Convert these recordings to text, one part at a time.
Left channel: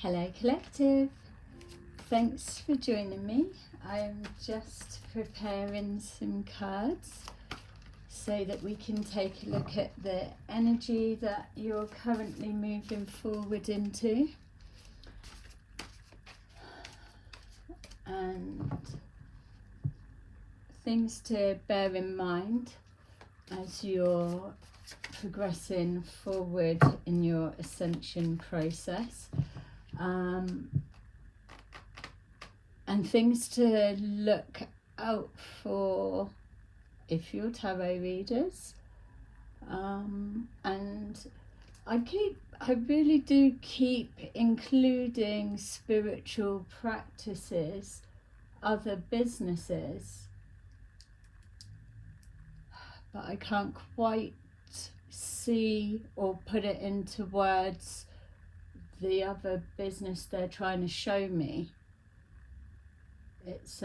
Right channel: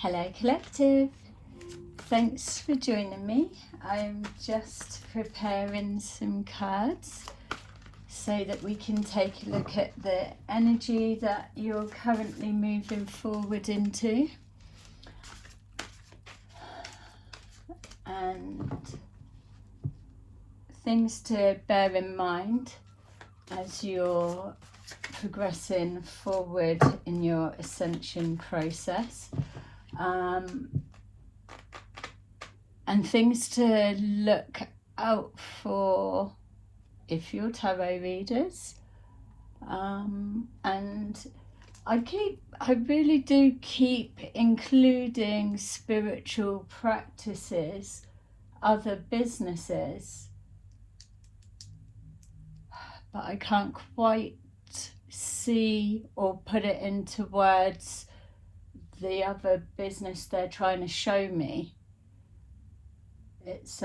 Hello Collective, thanks for joining me. I'm just preparing some cards so that we can take a look at the energy that you're currently moving forward into, and things to bear in mind as you're progressing forward in your ascension process. And things to look out for if you're tarot readers. And I really do keep including spiritual practices, other businesses, but I can't quite see or put it into words the other business they're trying to show me. It's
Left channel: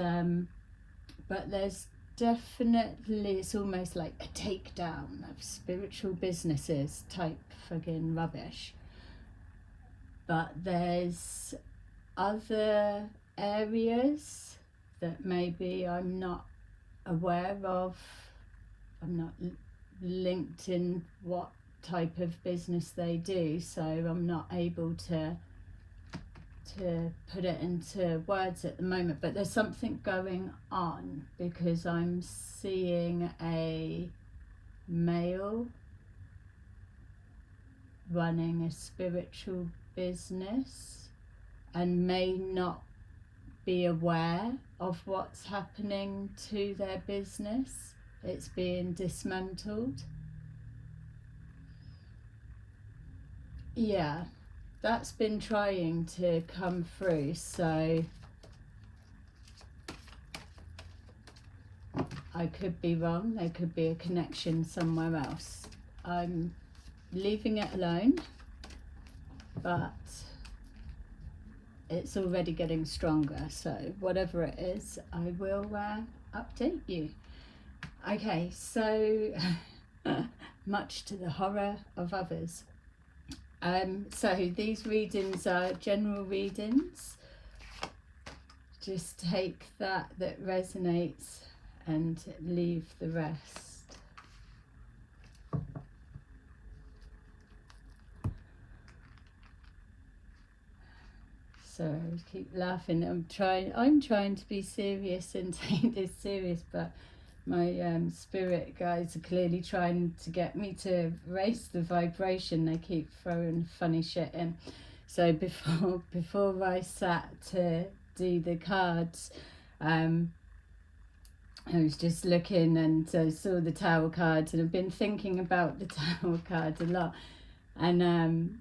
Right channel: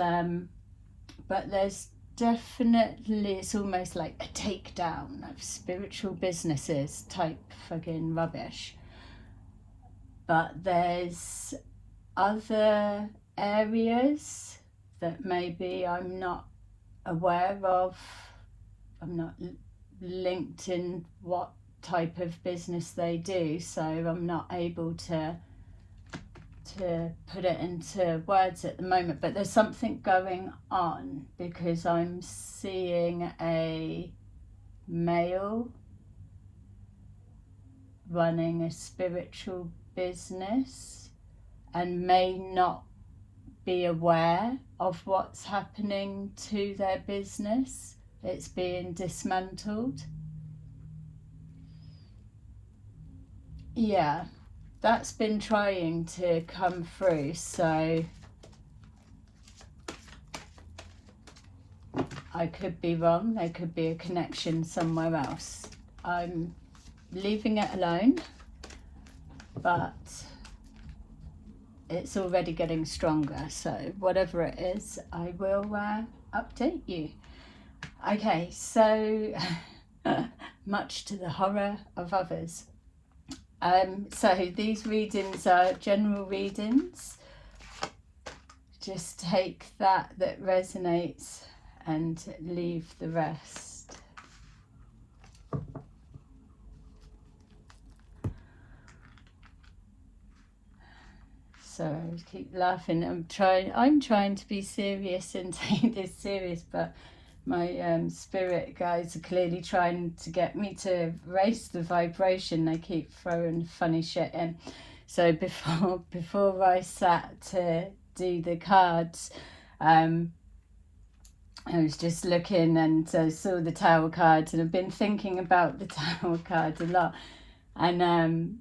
but there's definitely, it's almost like a takedown of spiritual businesses type fucking rubbish, but there's other areas that maybe I'm not aware of. I'm not linked in what type of business they do, so I'm not able to put it into words at the moment. But there's something going on because I'm seeing a male running a spiritual business and may not be aware of what's happening to their business. It's being dismantled. Yeah, that's been trying to come through, so I could be wrong. There could be a connection somewhere else. I'm leaving it alone, but it's already getting stronger, so whatever it is, I will update you. Okay, so much to the horror of others. So these readings are general readings. Just take that resonates and leave the rest. So I keep laughing. I'm trying to be serious and take this serious, but my spirit guides are clearly trying to get me to raise the vibration. They keep throwing funny shit in. So before I sat to do the cards, I was just looking and saw the Tower cards, and I've been thinking about the Tower cards a lot. And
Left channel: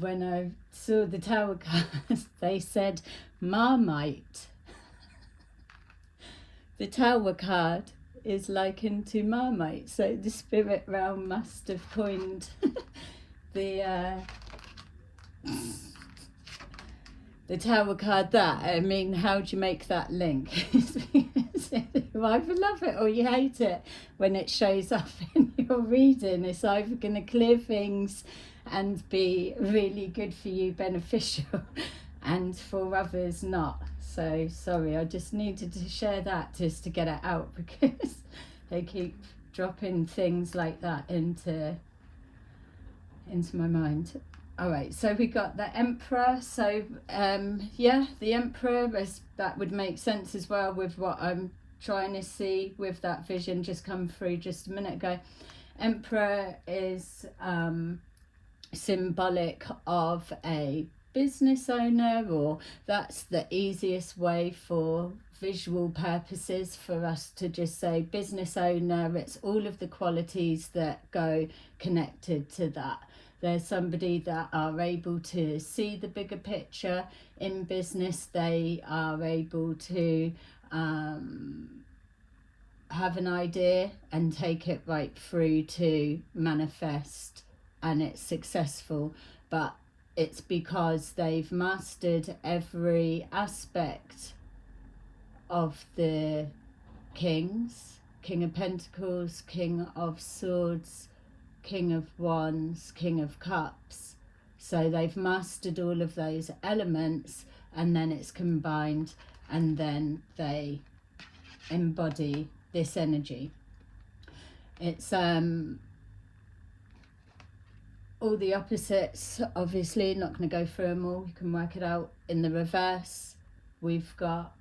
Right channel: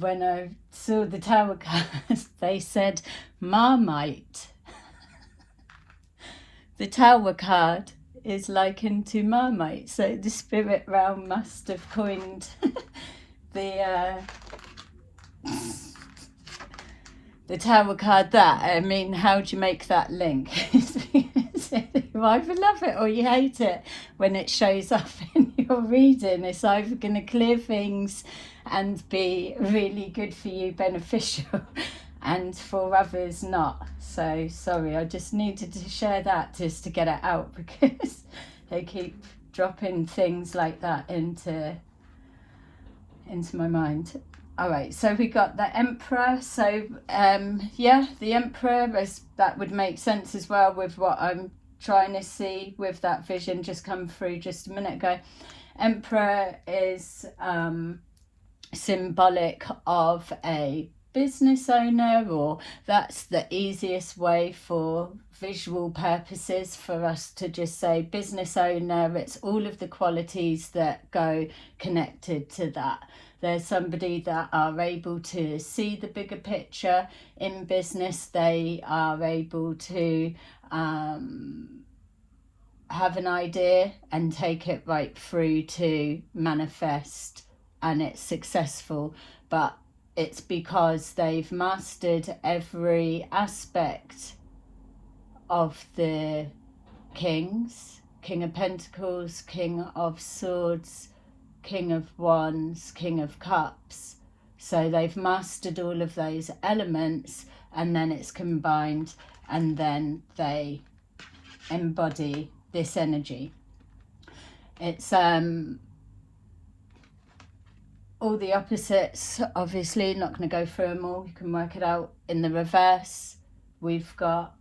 when I saw the Tower cards, they said Marmite. The Tower card is likened to Marmite, so the spirit realm must have coined the Tower card that. I mean, how do you make that link? You either love it or you hate it when it shows up in your reading. It's either going to clear things and be really good for you, beneficial, and for others not. So sorry, I just needed to share that just to get it out, because they keep dropping things like that into my mind. All right, so we got the Emperor. So yeah, the Emperor, that would make sense as well with what I'm trying to see with that vision just come through just a minute ago. Emperor is symbolic of a business owner, or that's the easiest way for visual purposes for us to just say business owner. It's all of the qualities that go connected to that. There's somebody that are able to see the bigger picture in business. They are able to have an idea and take it right through to manifest, and it's successful. But it's because they've mastered every aspect of the kings. King of Pentacles, King of Swords, King of Wands, King of Cups. So they've mastered all of those elements, and then it's combined, and then they embody this energy. It's all the opposites, obviously, not going to go through them all. You can work it out in the reverse. We've got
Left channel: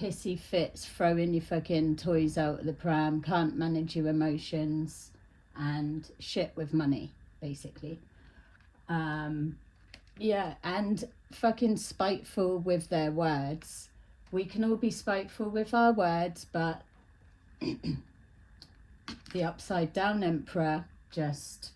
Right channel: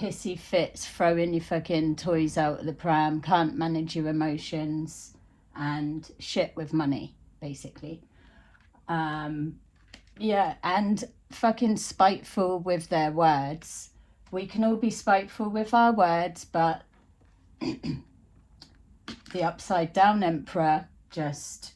hissy fits, throwing your fucking toys out of the pram, can't manage your emotions, and shit with money, basically. Yeah, and fucking spiteful with their words. We can all be spiteful with our words, but the upside down emperor, just,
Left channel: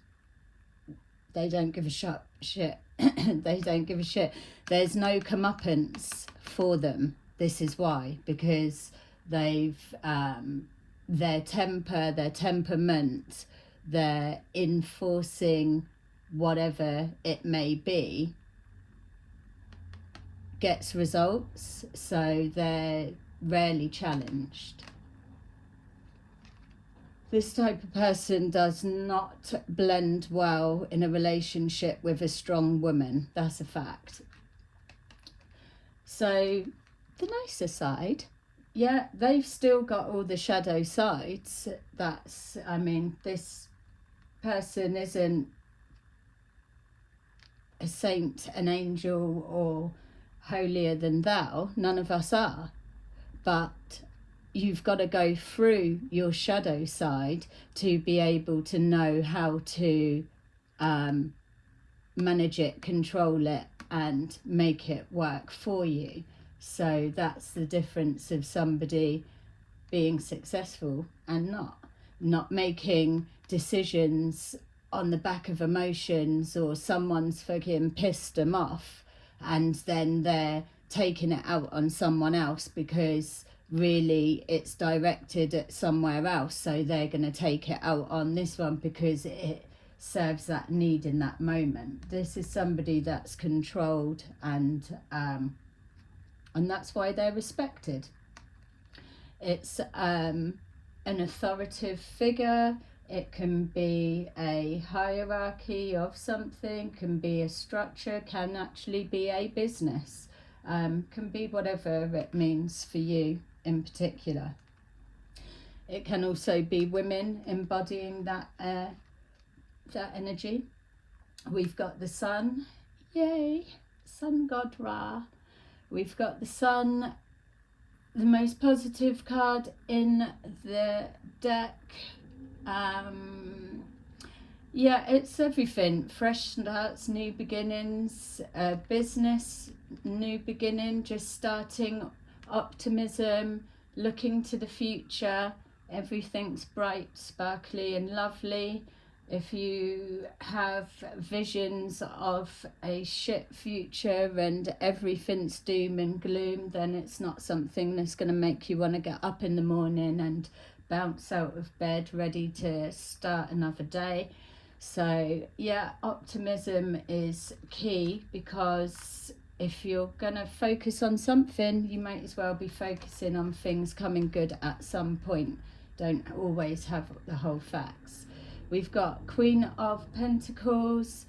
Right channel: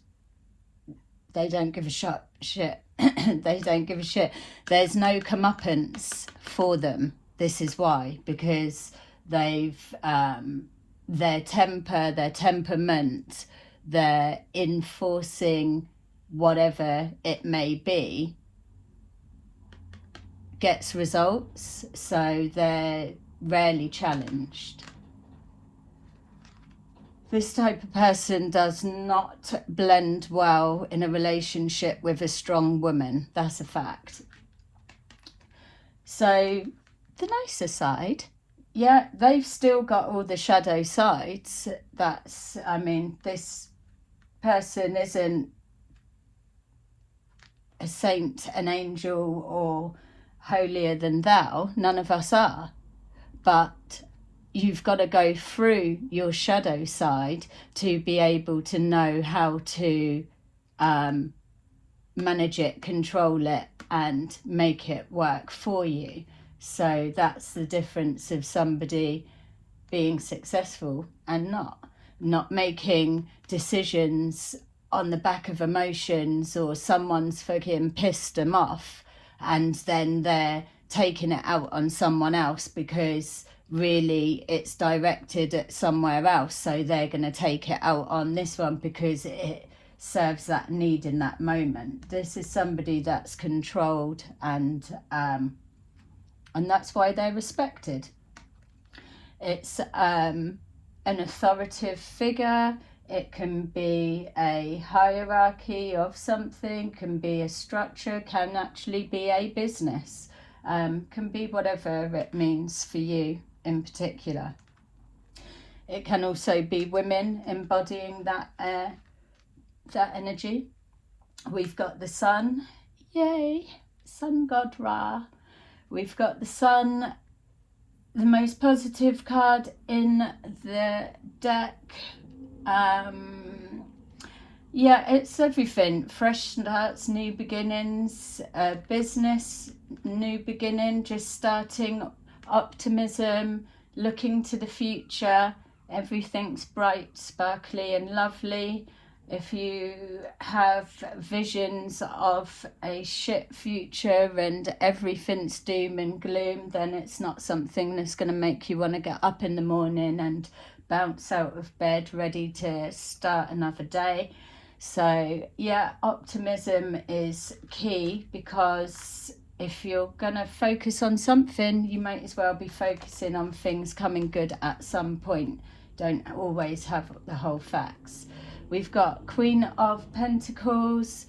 they don't give a shit. They don't give a shit. There's no comeuppance for them. This is why, because they've their temper, their temperament, they're enforcing whatever it may be, gets results, so they're rarely challenged. This type of person does not blend well in a relationship with a strong woman. That's a fact. So the nicer side, yeah, they've still got all the shadow sides. That's, I mean, this person isn't a saint, an angel, or holier than thou. None of us are. But you've got to go through your shadow side to be able to know how to manage it, control it, and make it work for you. So that's the difference of somebody being successful and not making decisions on the back of emotions, or someone's fucking pissed them off and then they're taking it out on someone else because really it's directed at somewhere else, so they're going to take it out on this one because it serves that need in that moment. This is somebody that's controlled, and that's why they're respected. It's an authoritative figure. It can be a hierarchy of something, can be a structure, can actually be a business, can be whatever it means for you in particular. It can also be women embodying that energy. We've got the sun, yay, sun god Ra. We've got the sun, the most positive card in the deck. Yeah, it's everything. Fresh starts, new beginnings, business, new beginning, just starting, optimism, looking to the future. Everything's bright, sparkly and lovely. If you have visions of a shit future and everything's doom and gloom, then it's not something that's going to make you want to get up in the morning and bounce out of bed ready to start another day. So yeah, optimism is key, because if you're gonna focus on something, you might as well be focusing on things coming good at some point. Don't always have the whole facts. We've got Queen of Pentacles,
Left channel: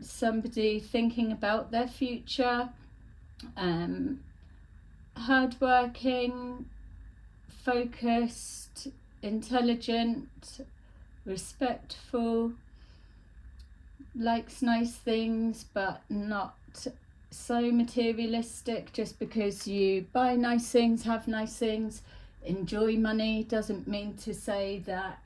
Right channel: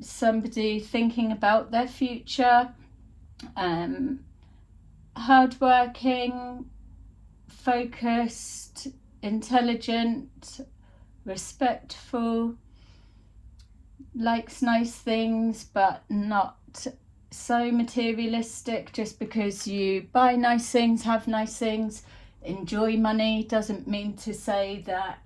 somebody thinking about their future, hardworking, focused, intelligent, respectful, likes nice things but not so materialistic. Just because you buy nice things, have nice things, enjoy money, doesn't mean to say that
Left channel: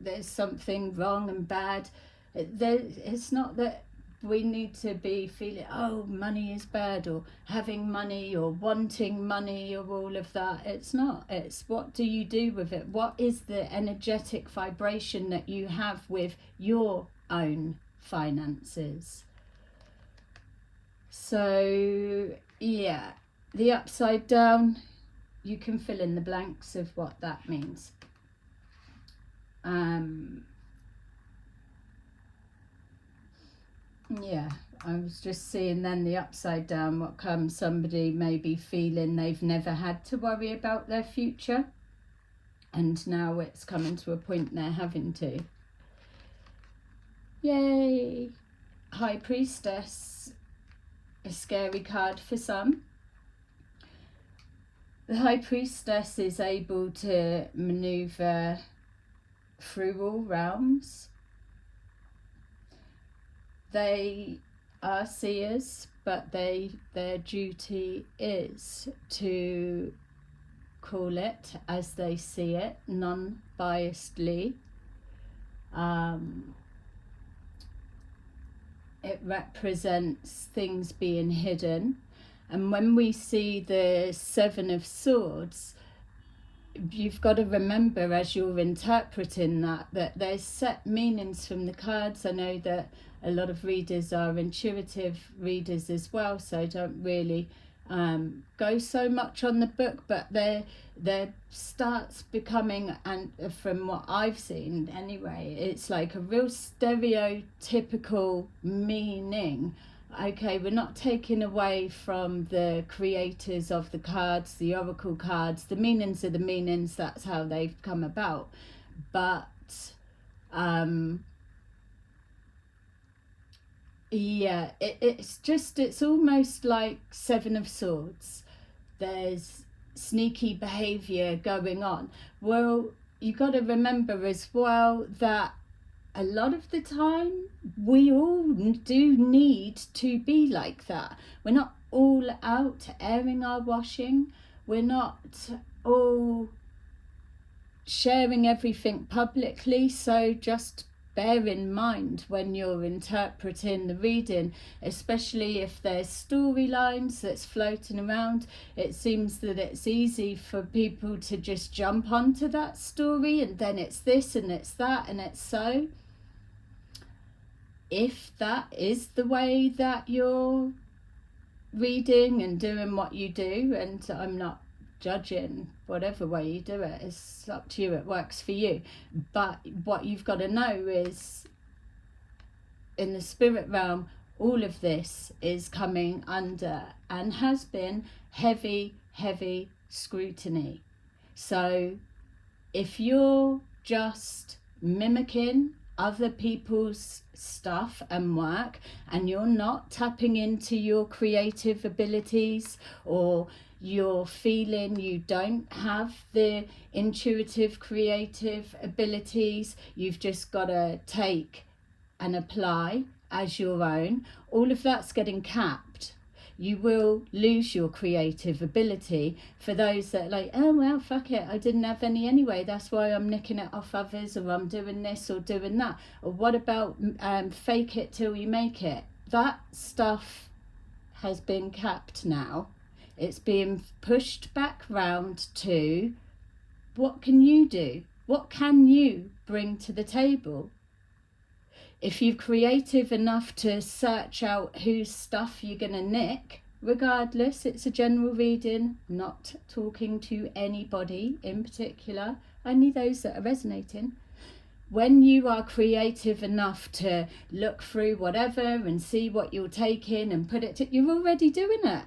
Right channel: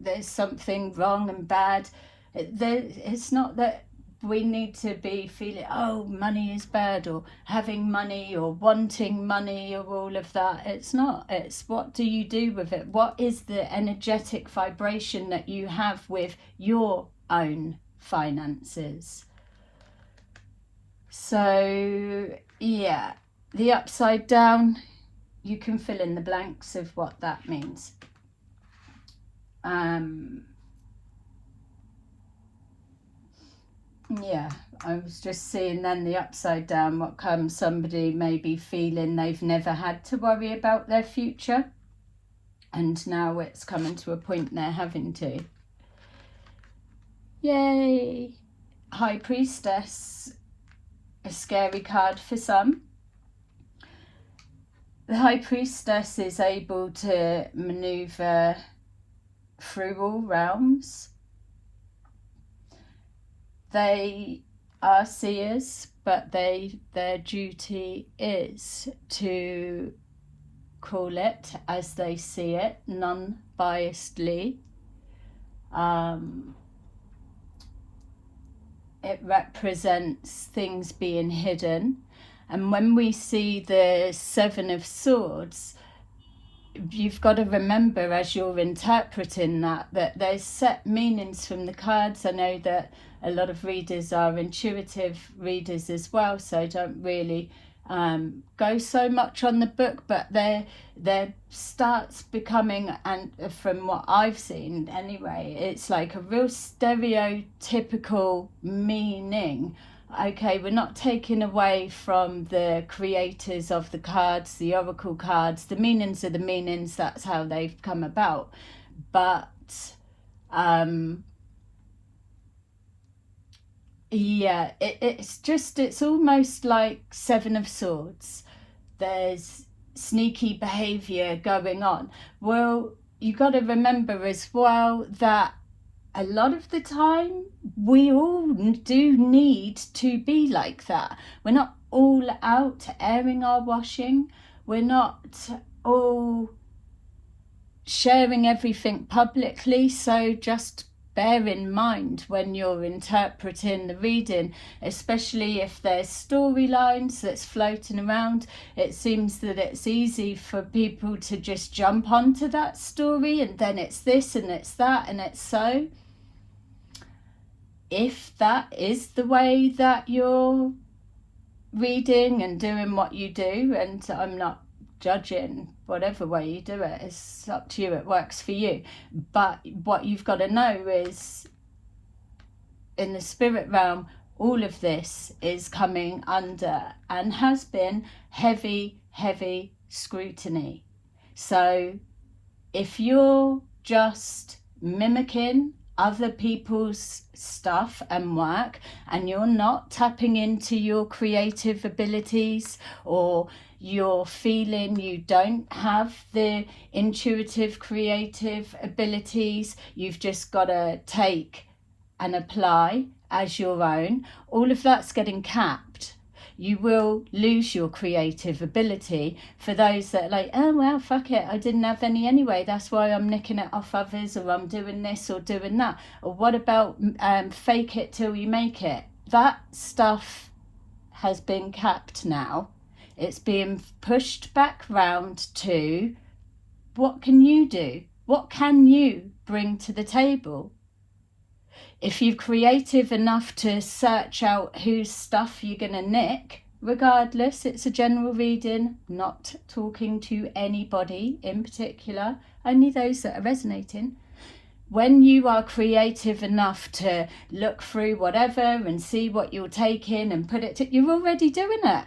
there's something wrong and bad. It's not that we need to be feeling, oh, money is bad, or having money, or wanting money, or all of that. It's not. It's what do you do with it? What is the energetic vibration that you have with your own finances? So yeah, the upside down, you can fill in the blanks of what that means. Yeah, I was just seeing then the upside down, what comes, somebody may be feeling they've never had to worry about their future, and now it's coming to a point they're having to. Yay! High Priestess, a scary card for some. The High Priestess is able to maneuver through all realms. They are seers, but their duty is to call it as they see it, non-biasedly. It represents things being hidden. And when we see the Seven of Swords, you've got to remember as you're interpreting that there's set meanings from the cards. I know that a lot of readers are intuitive readers as well, so don't really go so much on the book, but there starts becoming, and from what I've seen anyway, it's like a real stereotypical meaning. Okay, we're not taking away from the creators of the cards, the oracle cards. The meanings are the meanings, that's how they've come about. But yeah, it's almost like Seven of Swords. There's sneaky behavior going on. Well, you got to remember as well that a lot of the time we all do need to be like that. We're not all out airing our washing. We're not all sharing everything publicly. So just bear in mind when you're interpreting the reading, especially if there's storylines that's floating around. It seems that it's easy for people to just jump onto that story, and then it's this and it's that and it's so. If that is the way that you're reading and doing what you do, and I'm not judging whatever way you do it, it's up to you, it works for you. But what you've got to know is, in the spirit realm, all of this is coming under and has been heavy scrutiny. So if you're just mimicking other people's stuff and work, and you're not tapping into your creative abilities, or you're feeling you don't have the intuitive creative abilities, you've just got to take and apply as your own, all of that's getting capped. You will lose your creative ability. For those that are like, oh well, fuck it, I didn't have any anyway, that's why I'm nicking it off others, or I'm doing this or doing that. Or what about fake it till you make it? That stuff has been capped now. It's being pushed back round to, what can you do? What can you bring to the table? If you're creative enough to search out whose stuff you're going to nick, regardless, it's a general reading, not talking to anybody in particular, only those that are resonating. When you are creative enough to look through whatever and see what you're taking and put it to, you're already doing it.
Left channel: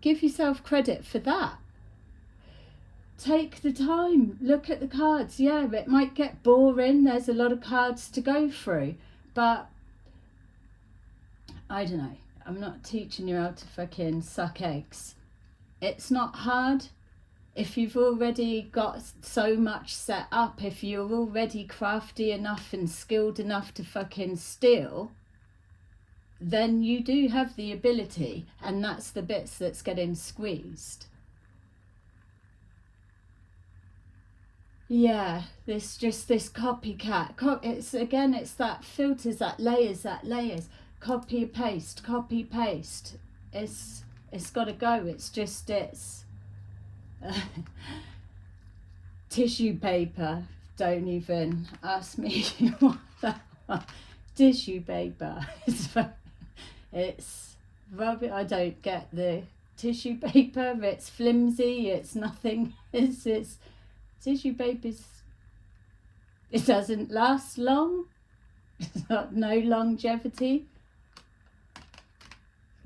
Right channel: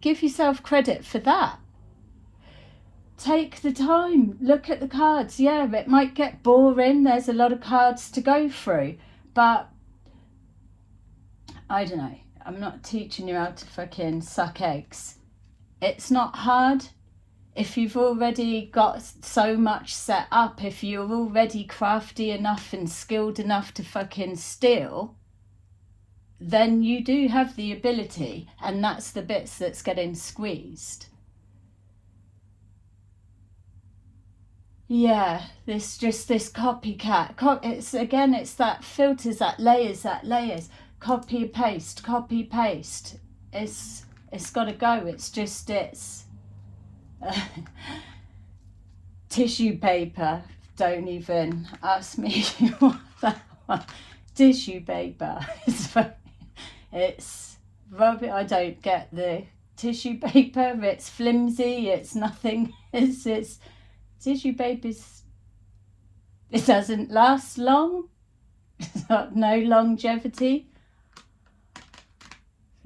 Give yourself credit for that. Take the time, look at the cards. Yeah, it might get boring, there's a lot of cards to go through, but I don't know, I'm not teaching you how to fucking suck eggs. It's not hard. If you've already got so much set up, if you're already crafty enough and skilled enough to fucking steal, then you do have the ability, and that's the bits that's getting squeezed. Yeah, this copycat. It's that filters, that layers. Copy paste. It's got to go. It's tissue paper. Don't even ask me what that was. Tissue paper. It's rubbish. I don't get the tissue paper. It's flimsy. It's nothing. It's tissue paper. It doesn't last long. It's got no longevity.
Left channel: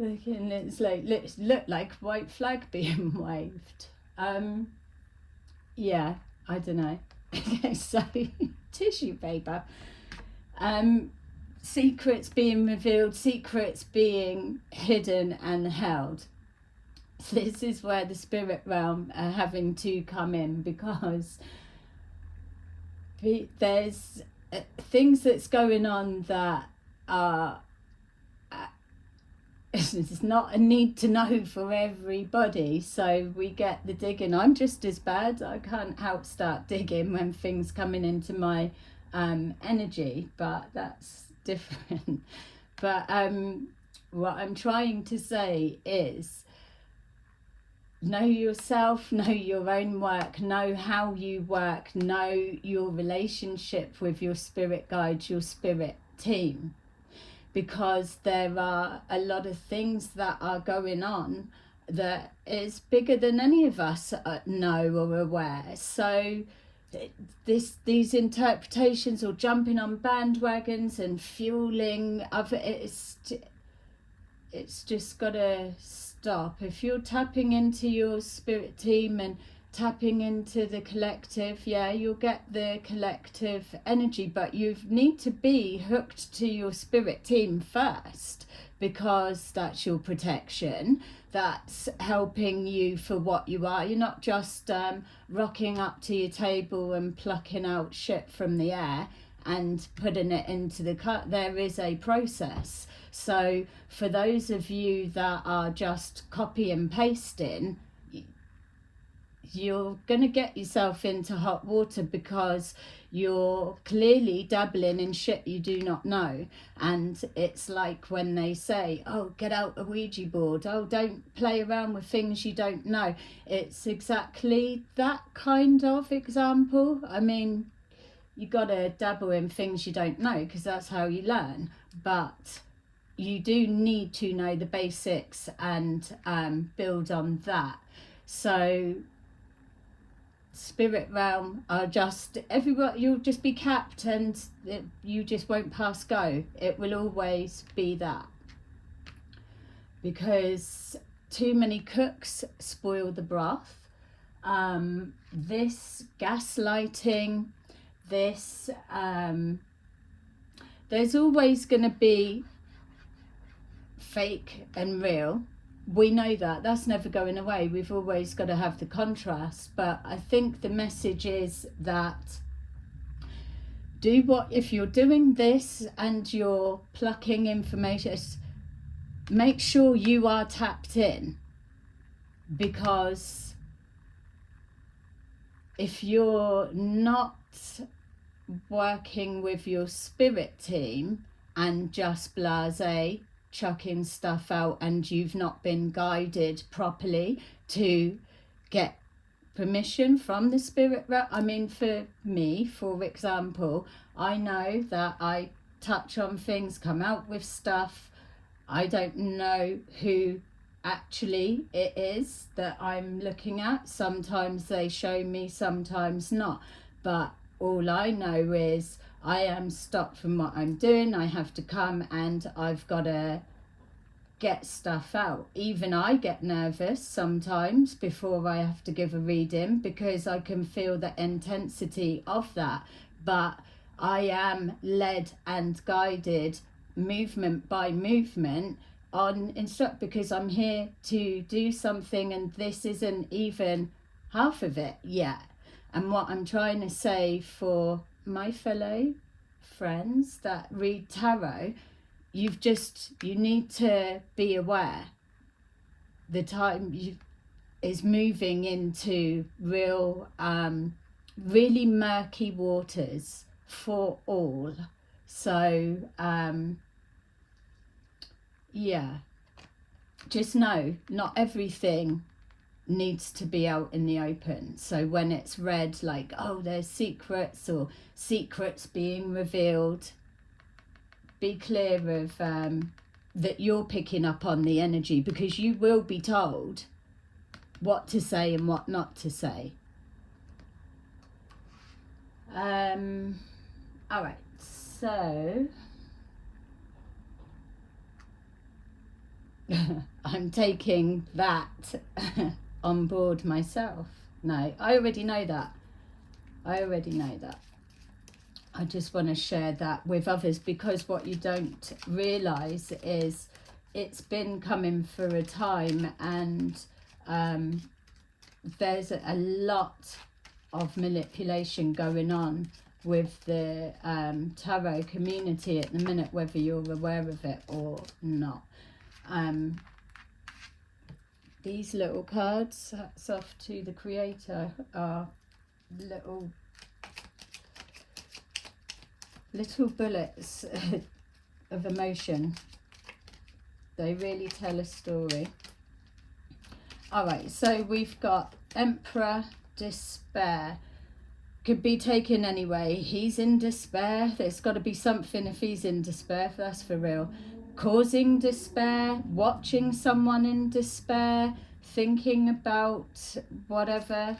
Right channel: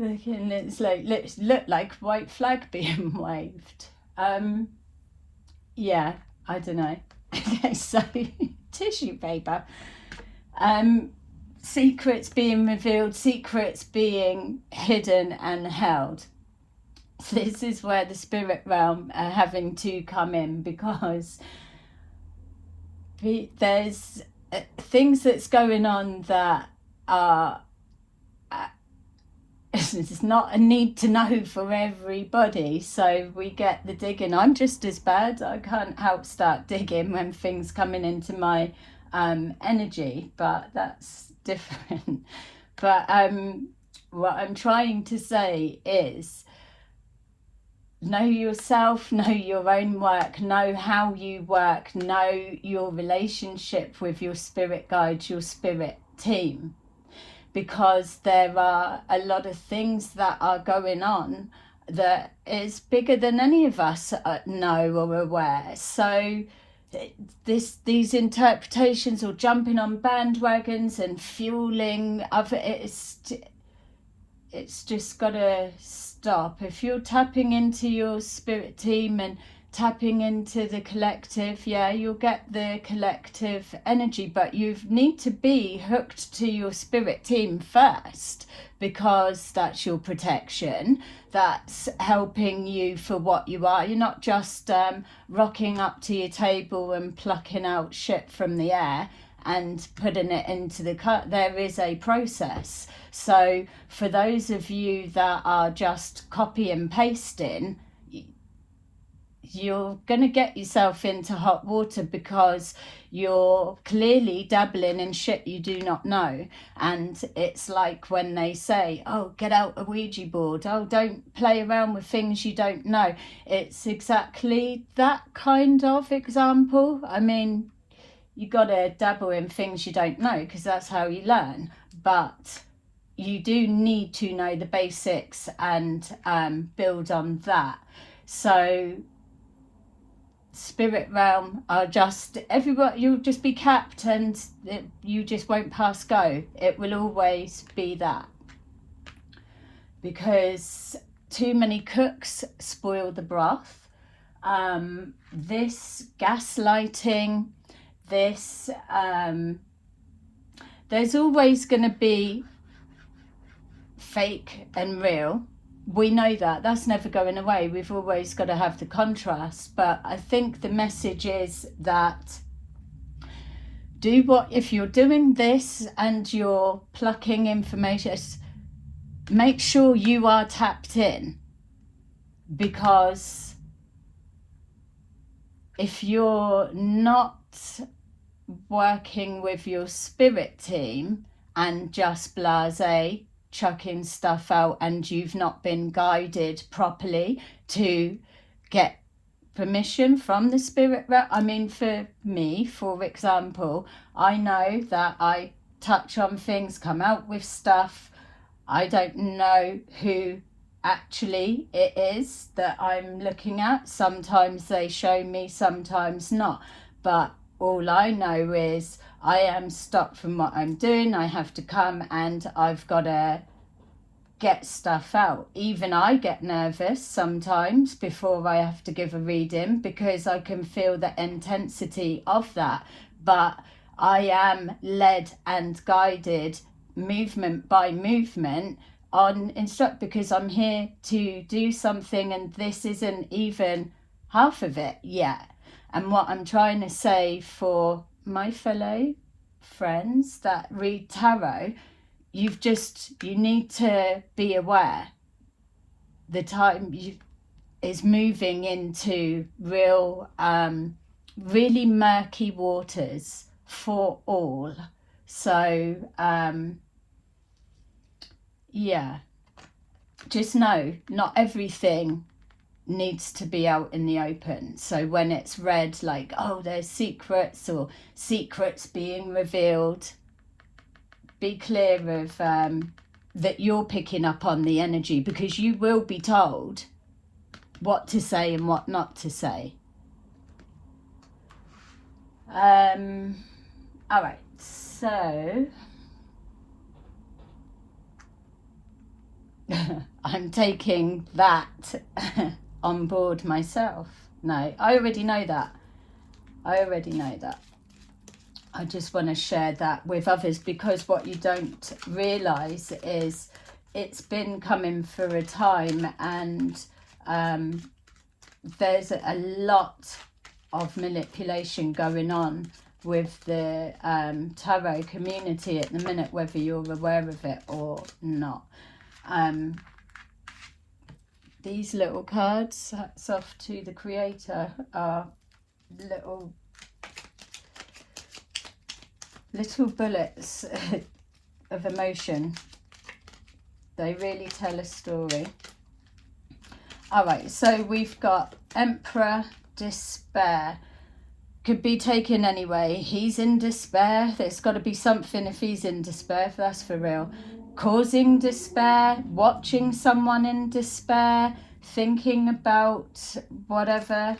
It's like look like white flag being waved. Yeah, I don't know. Okay, so tissue paper. secrets being revealed, secrets being hidden and held. This is where the spirit realm are having to come in, because there's things that's going on that are it's not a need to know for everybody, so we get the digging. I'm just as bad. I can't help start digging when things coming into my energy, but that's different. But what I'm trying to say is, know yourself, know your own work, know how you work, know your relationship with your spirit guides, your spirit team, because there are a lot of things that are going on that is bigger than any of us know or aware. So these interpretations, or jumping on bandwagons and fueling other, it's just got to stop. If you're tapping into your spirit team and tapping into the collective, yeah, you'll get the collective energy, but you need to be hooked to your spirit team first, because that's your protection, that's helping you for what you are. You're not just rocking up to your table and plucking out shit from the air and putting it into the cut. There is a process. So for those of you that are just copy and pasting, you're going to get yourself into hot water, because you're clearly dabbling in shit you do not know. And it's like when they say, oh, get out a Ouija board, oh, don't play around with things you don't know. It's exactly that kind of example. I mean, you got to dabble in things you don't know, because that's how you learn. But you do need to know the basics and build on that. So spirit realm are just everybody, you'll just be capped, and you just won't pass go. It will always be that, because too many cooks spoil the broth. This gaslighting, this there's always going to be fake and real. We know that. That's never going away. We've always got to have the contrast. But I think the message is that if you're doing this and you're plucking information, make sure you are tapped in, because if you're not working with your spirit team and just blasé chucking stuff out, and you've not been guided properly to get permission from the spirit realm. I mean, for me, for example, I know that I touch on things, come out with stuff. I don't know who actually it is that I'm looking at. Sometimes they show me, sometimes not. But all I know is I am stopped from what I'm doing. I have to come and I've got to get stuff out. Even I get nervous sometimes before I have to give a reading, because I can feel the intensity of that. But I am led and guided movement by movement on instruct, because I'm here to do something, and this isn't even half of it yet. And what I'm trying to say for my fellow friends that read tarot, you need to be aware. The time is moving into really murky waters for all. So yeah, just know not everything needs to be out in the open. So when it's read like, oh, there's secrets or secrets being revealed, be clear of that you're picking up on the energy, because you will be told what to say and what not to say. All right, so I'm taking that on board myself. No, I already know that. I just want to share that with others, because what you don't realise is it's been coming for a time, and there's a lot of manipulation going on with the tarot community at the minute, whether you're aware of it or not. These little cards, hats off to the creator, are little bullets of emotion. They really tell a story. Alright, so we've got Emperor, despair. Could be taken anyway. He's in despair. There's got to be something if he's in despair, if that's for real. Causing despair, watching someone in despair, thinking about whatever.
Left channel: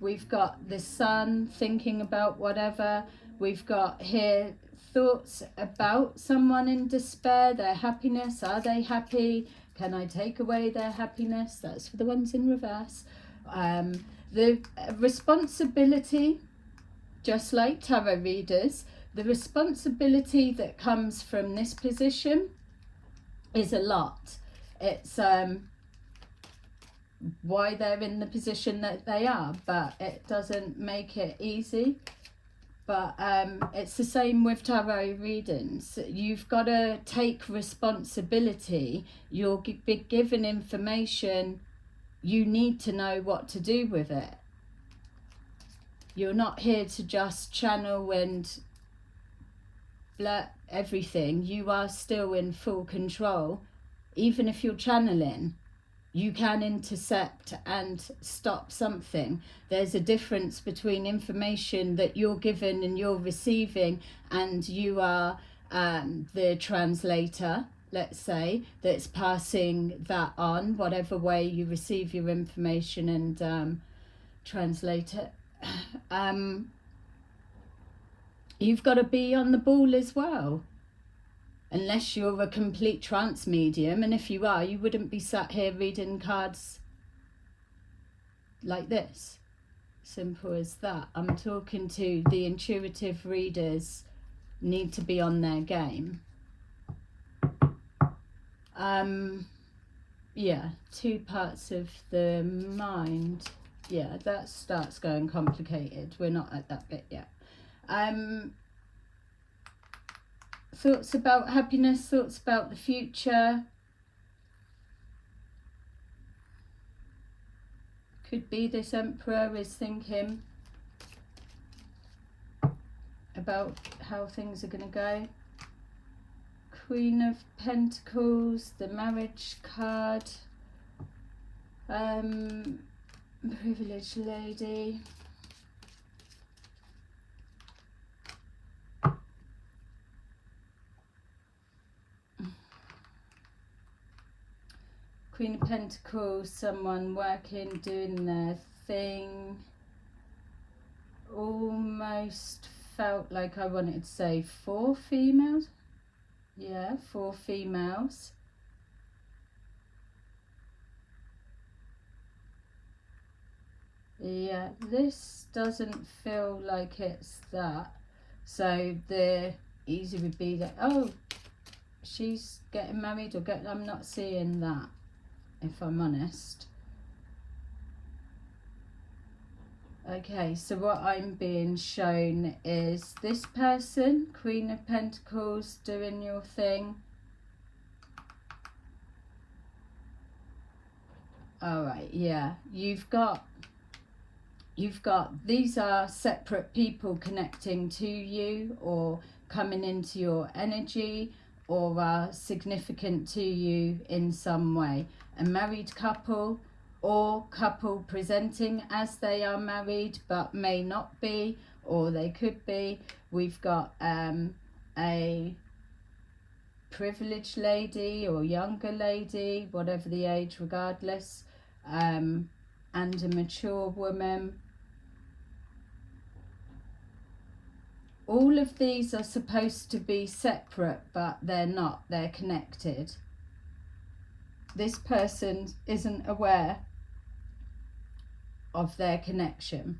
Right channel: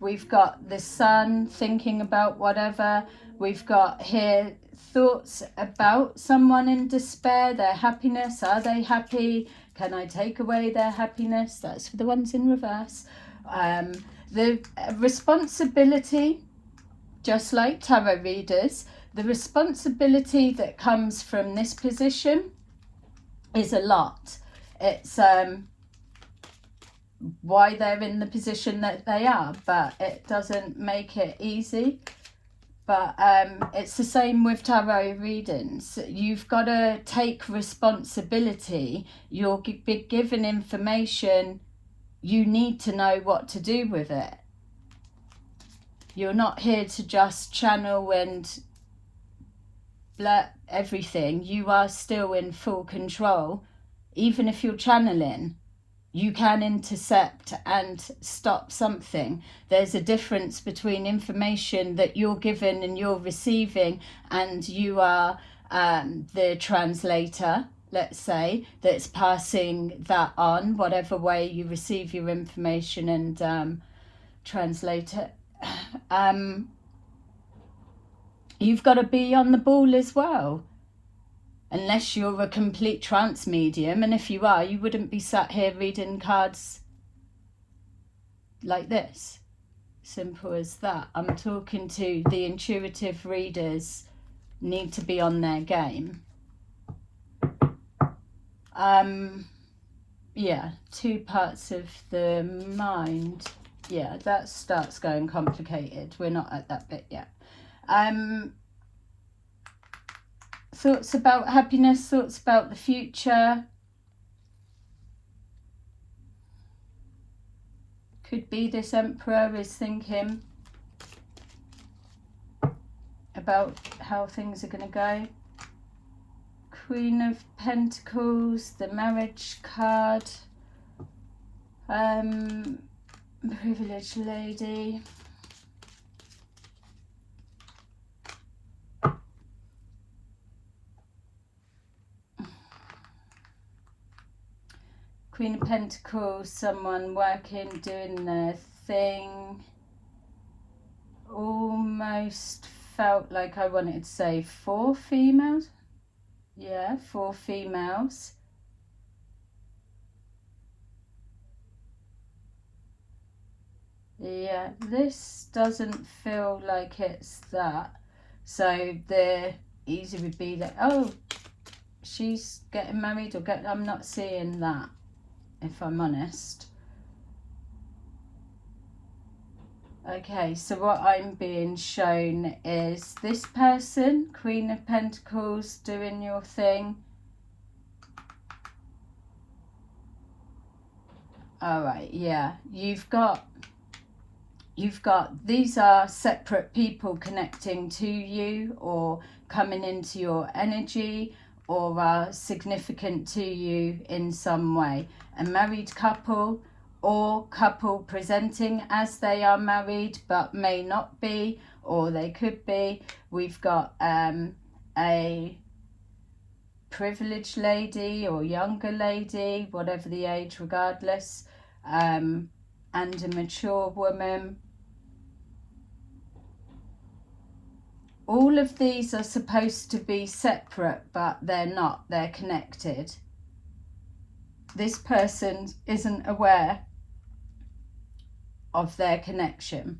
We've got the Sun, thinking about whatever. We've got here thoughts about someone in despair, their happiness. Are they happy? Can I take away their happiness? That's for the ones in reverse. The responsibility, just like tarot readers, the responsibility that comes from this position is a lot. It's why they're in the position that they are, but it doesn't make it easy. But it's the same with tarot readings. You've got to take responsibility. You'll be given information. You need to know what to do with it. You're not here to just channel and blurt everything. You are still in full control. Even if you're channeling, you can intercept and stop something. There's a difference between information that you're given and you're receiving, and you are the translator, let's say, that's passing that on, whatever way you receive your information and translate it. You've got to be on the ball as well. Unless you're a complete trance medium, and if you are, you wouldn't be sat here reading cards like this. Simple as that. I'm talking to the intuitive readers, need to be on their game. Yeah, 2 parts of the mind. Yeah, that starts going complicated. We're not at that bit yet. Thoughts about happiness, thoughts about the future. Could be this Emperor is thinking about how things are going to go. Queen of Pentacles, the marriage card, privileged lady. Queen of Pentacles, someone working, doing their thing. Almost felt like I wanted to say 4 females. Yeah, 4 females. Yeah, this doesn't feel like it's that. So the easy would be that, oh, she's getting married or I'm not seeing that, if I'm honest. Okay, so what I'm being shown is this person, Queen of Pentacles, doing your thing. Alright, yeah, you've got, these are separate people connecting to you or coming into your energy or are significant to you in some way. A married couple or couple presenting as they are married but may not be, or they could be. We've got a privileged lady or younger lady, whatever the age, regardless, and a mature woman. All of these are supposed to be separate, but they're not. They're connected. This person isn't aware of their connection.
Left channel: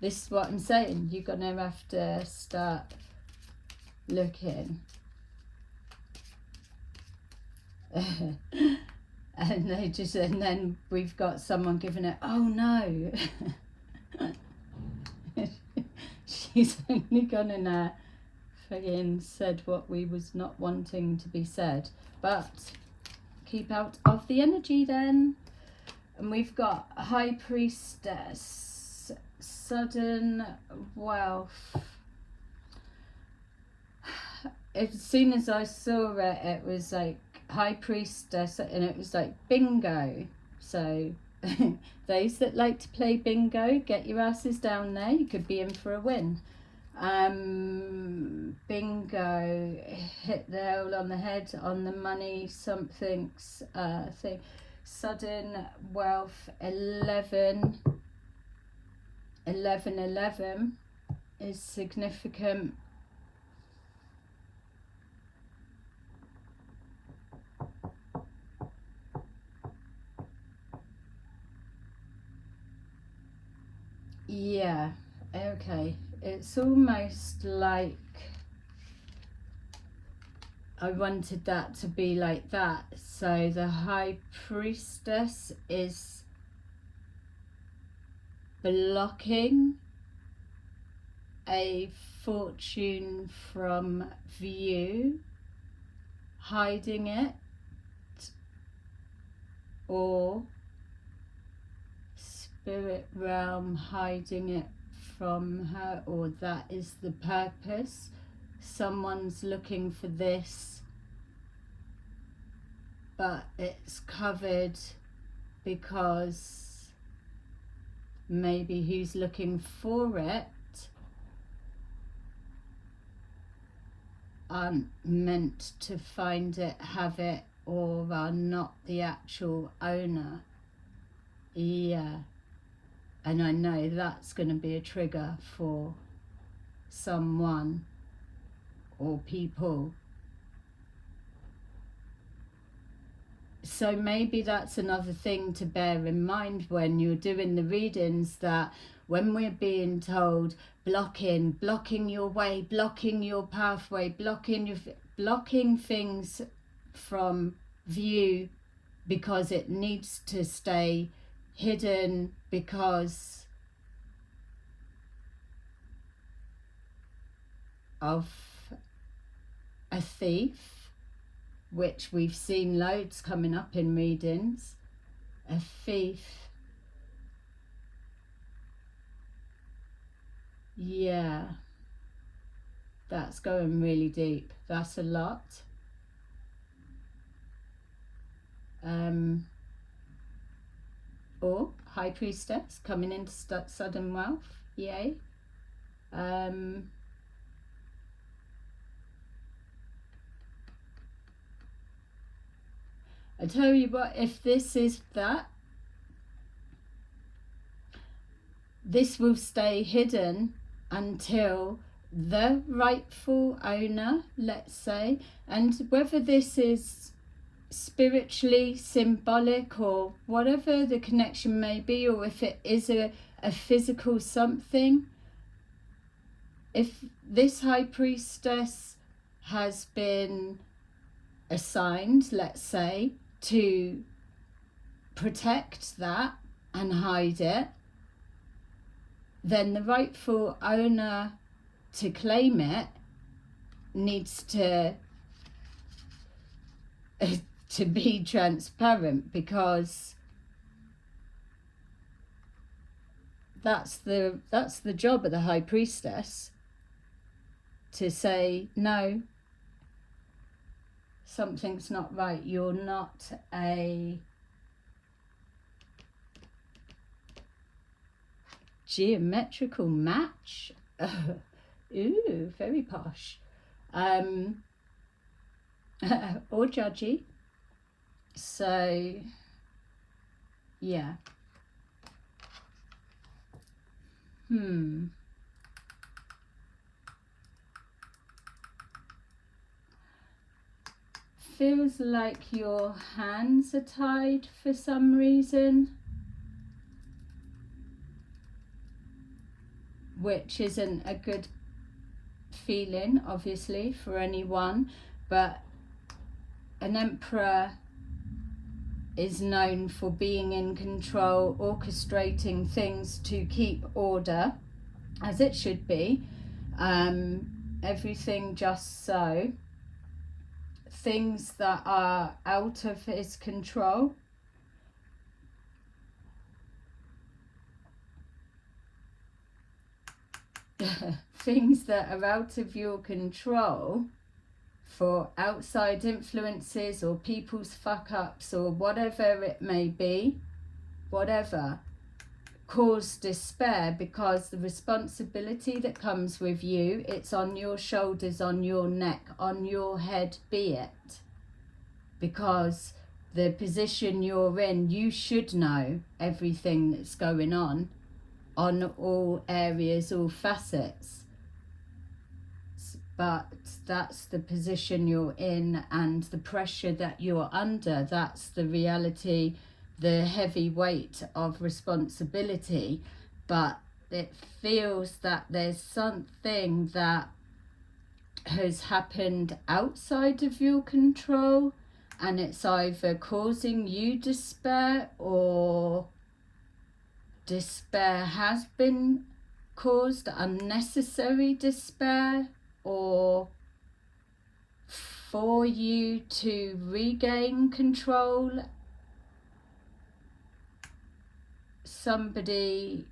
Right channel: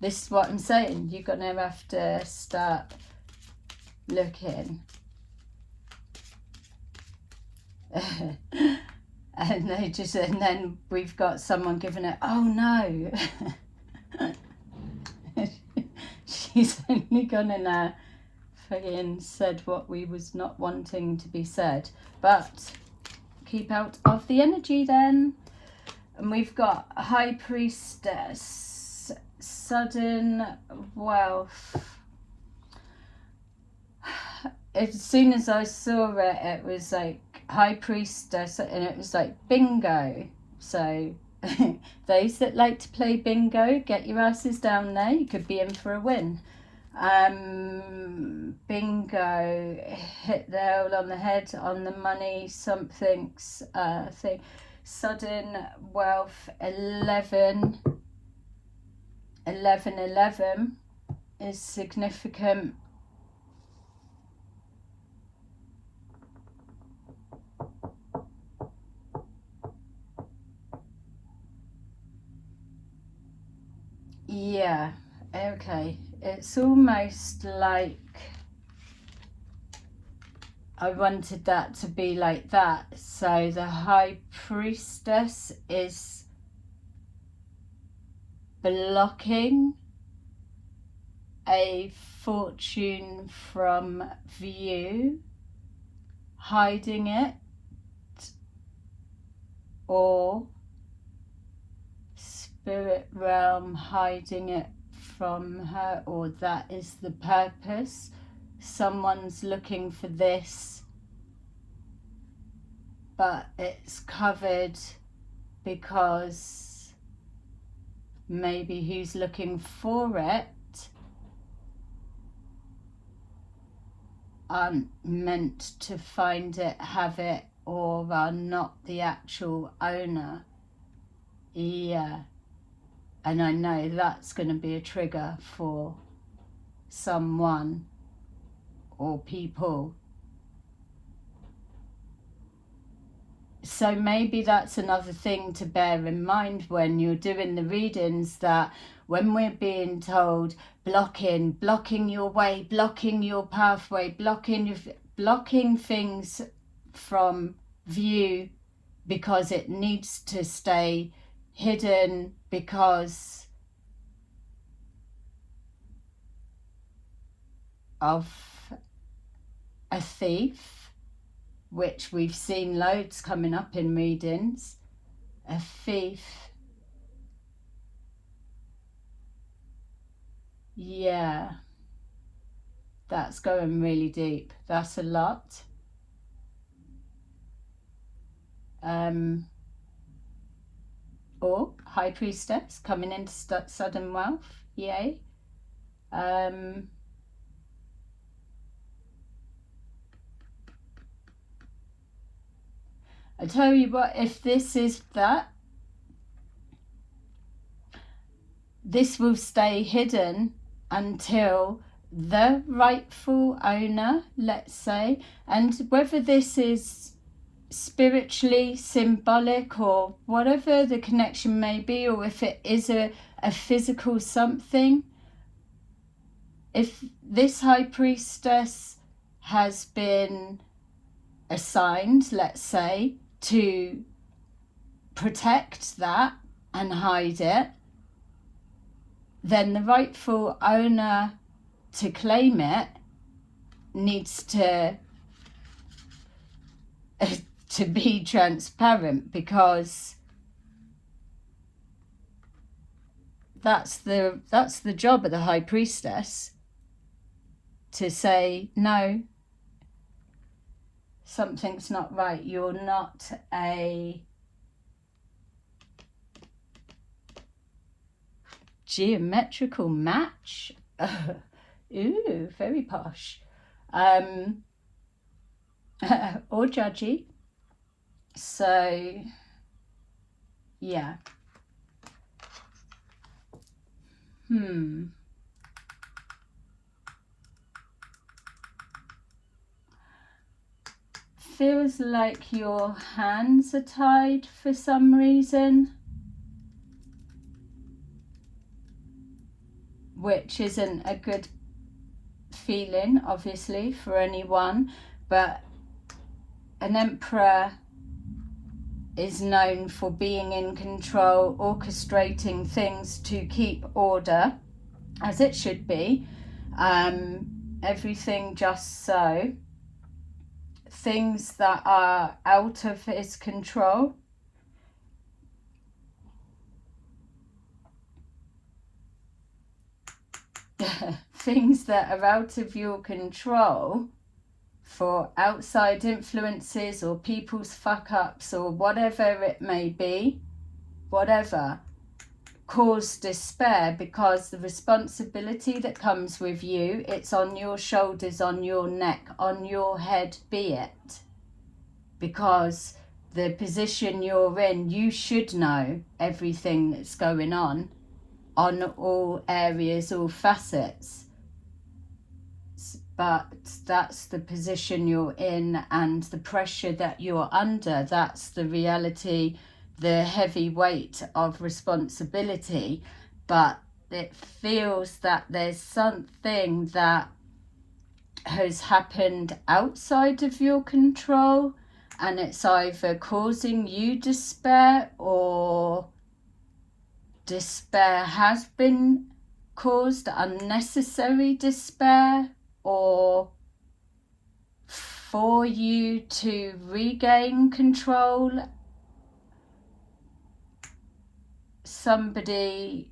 This is what I'm saying. You're going to have to start looking. And then we've got someone giving it, oh no. She's only gone and fucking said what we was not wanting to be said. But keep out of the energy then. And we've got a High Priestess, sudden wealth. As soon as I saw it, it was like High Priestess, and it was like bingo. So those that like to play bingo, get your asses down there. You could be in for a win. Bingo, hit the nail on the head, on the money, something's thing. Sudden wealth, 11 is significant. Yeah, okay. It's almost like I wanted that to be like that. So the High Priestess is blocking a fortune from view, hiding it, or spirit realm hiding it from her, or that is the purpose. Someone's looking for this, but it's covered because maybe who's looking for it aren't meant to find it, have it, or are not the actual owner. Yeah. And I know that's going to be a trigger for someone or people. So maybe that's another thing to bear in mind when you're doing the readings, that when we're being told blocking your way, blocking your pathway, blocking things from view because it needs to stay hidden, because of a thief, which we've seen loads coming up in readings. A thief. Yeah, that's going really deep. That's a lot. Or High Priestess coming into sudden wealth. Yay. I tell you what, if this is that, this will stay hidden until the rightful owner, let's say, and whether this is spiritually symbolic or whatever the connection may be, or if it is a physical something, if this High Priestess has been assigned, let's say, to protect that and hide it, then the rightful owner to claim it needs to be transparent, because that's the job of the High Priestess, to say no, something's not right, you're not a geometrical match. Ooh, very posh. Or judgy. So yeah. Feels like your hands are tied for some reason. which isn't a good feeling, obviously, for anyone. But an Emperor is known for being in control, orchestrating things to keep order, as it should be. Everything just so. Things that are out of his control, things that are out of your control, for outside influences or people's fuck-ups or whatever it may be, whatever, cause despair, because the responsibility that comes with you, it's on your shoulders, on your neck, on your head, be it. Because the position you're in, you should know everything that's going on all areas, all facets. But that's the position you're in and the pressure that you're under. That's the reality, the heavy weight of responsibility. But it feels that there's something that has happened outside of your control, and it's either causing you despair, or despair has been caused, unnecessary despair, or for you to regain control. Somebody,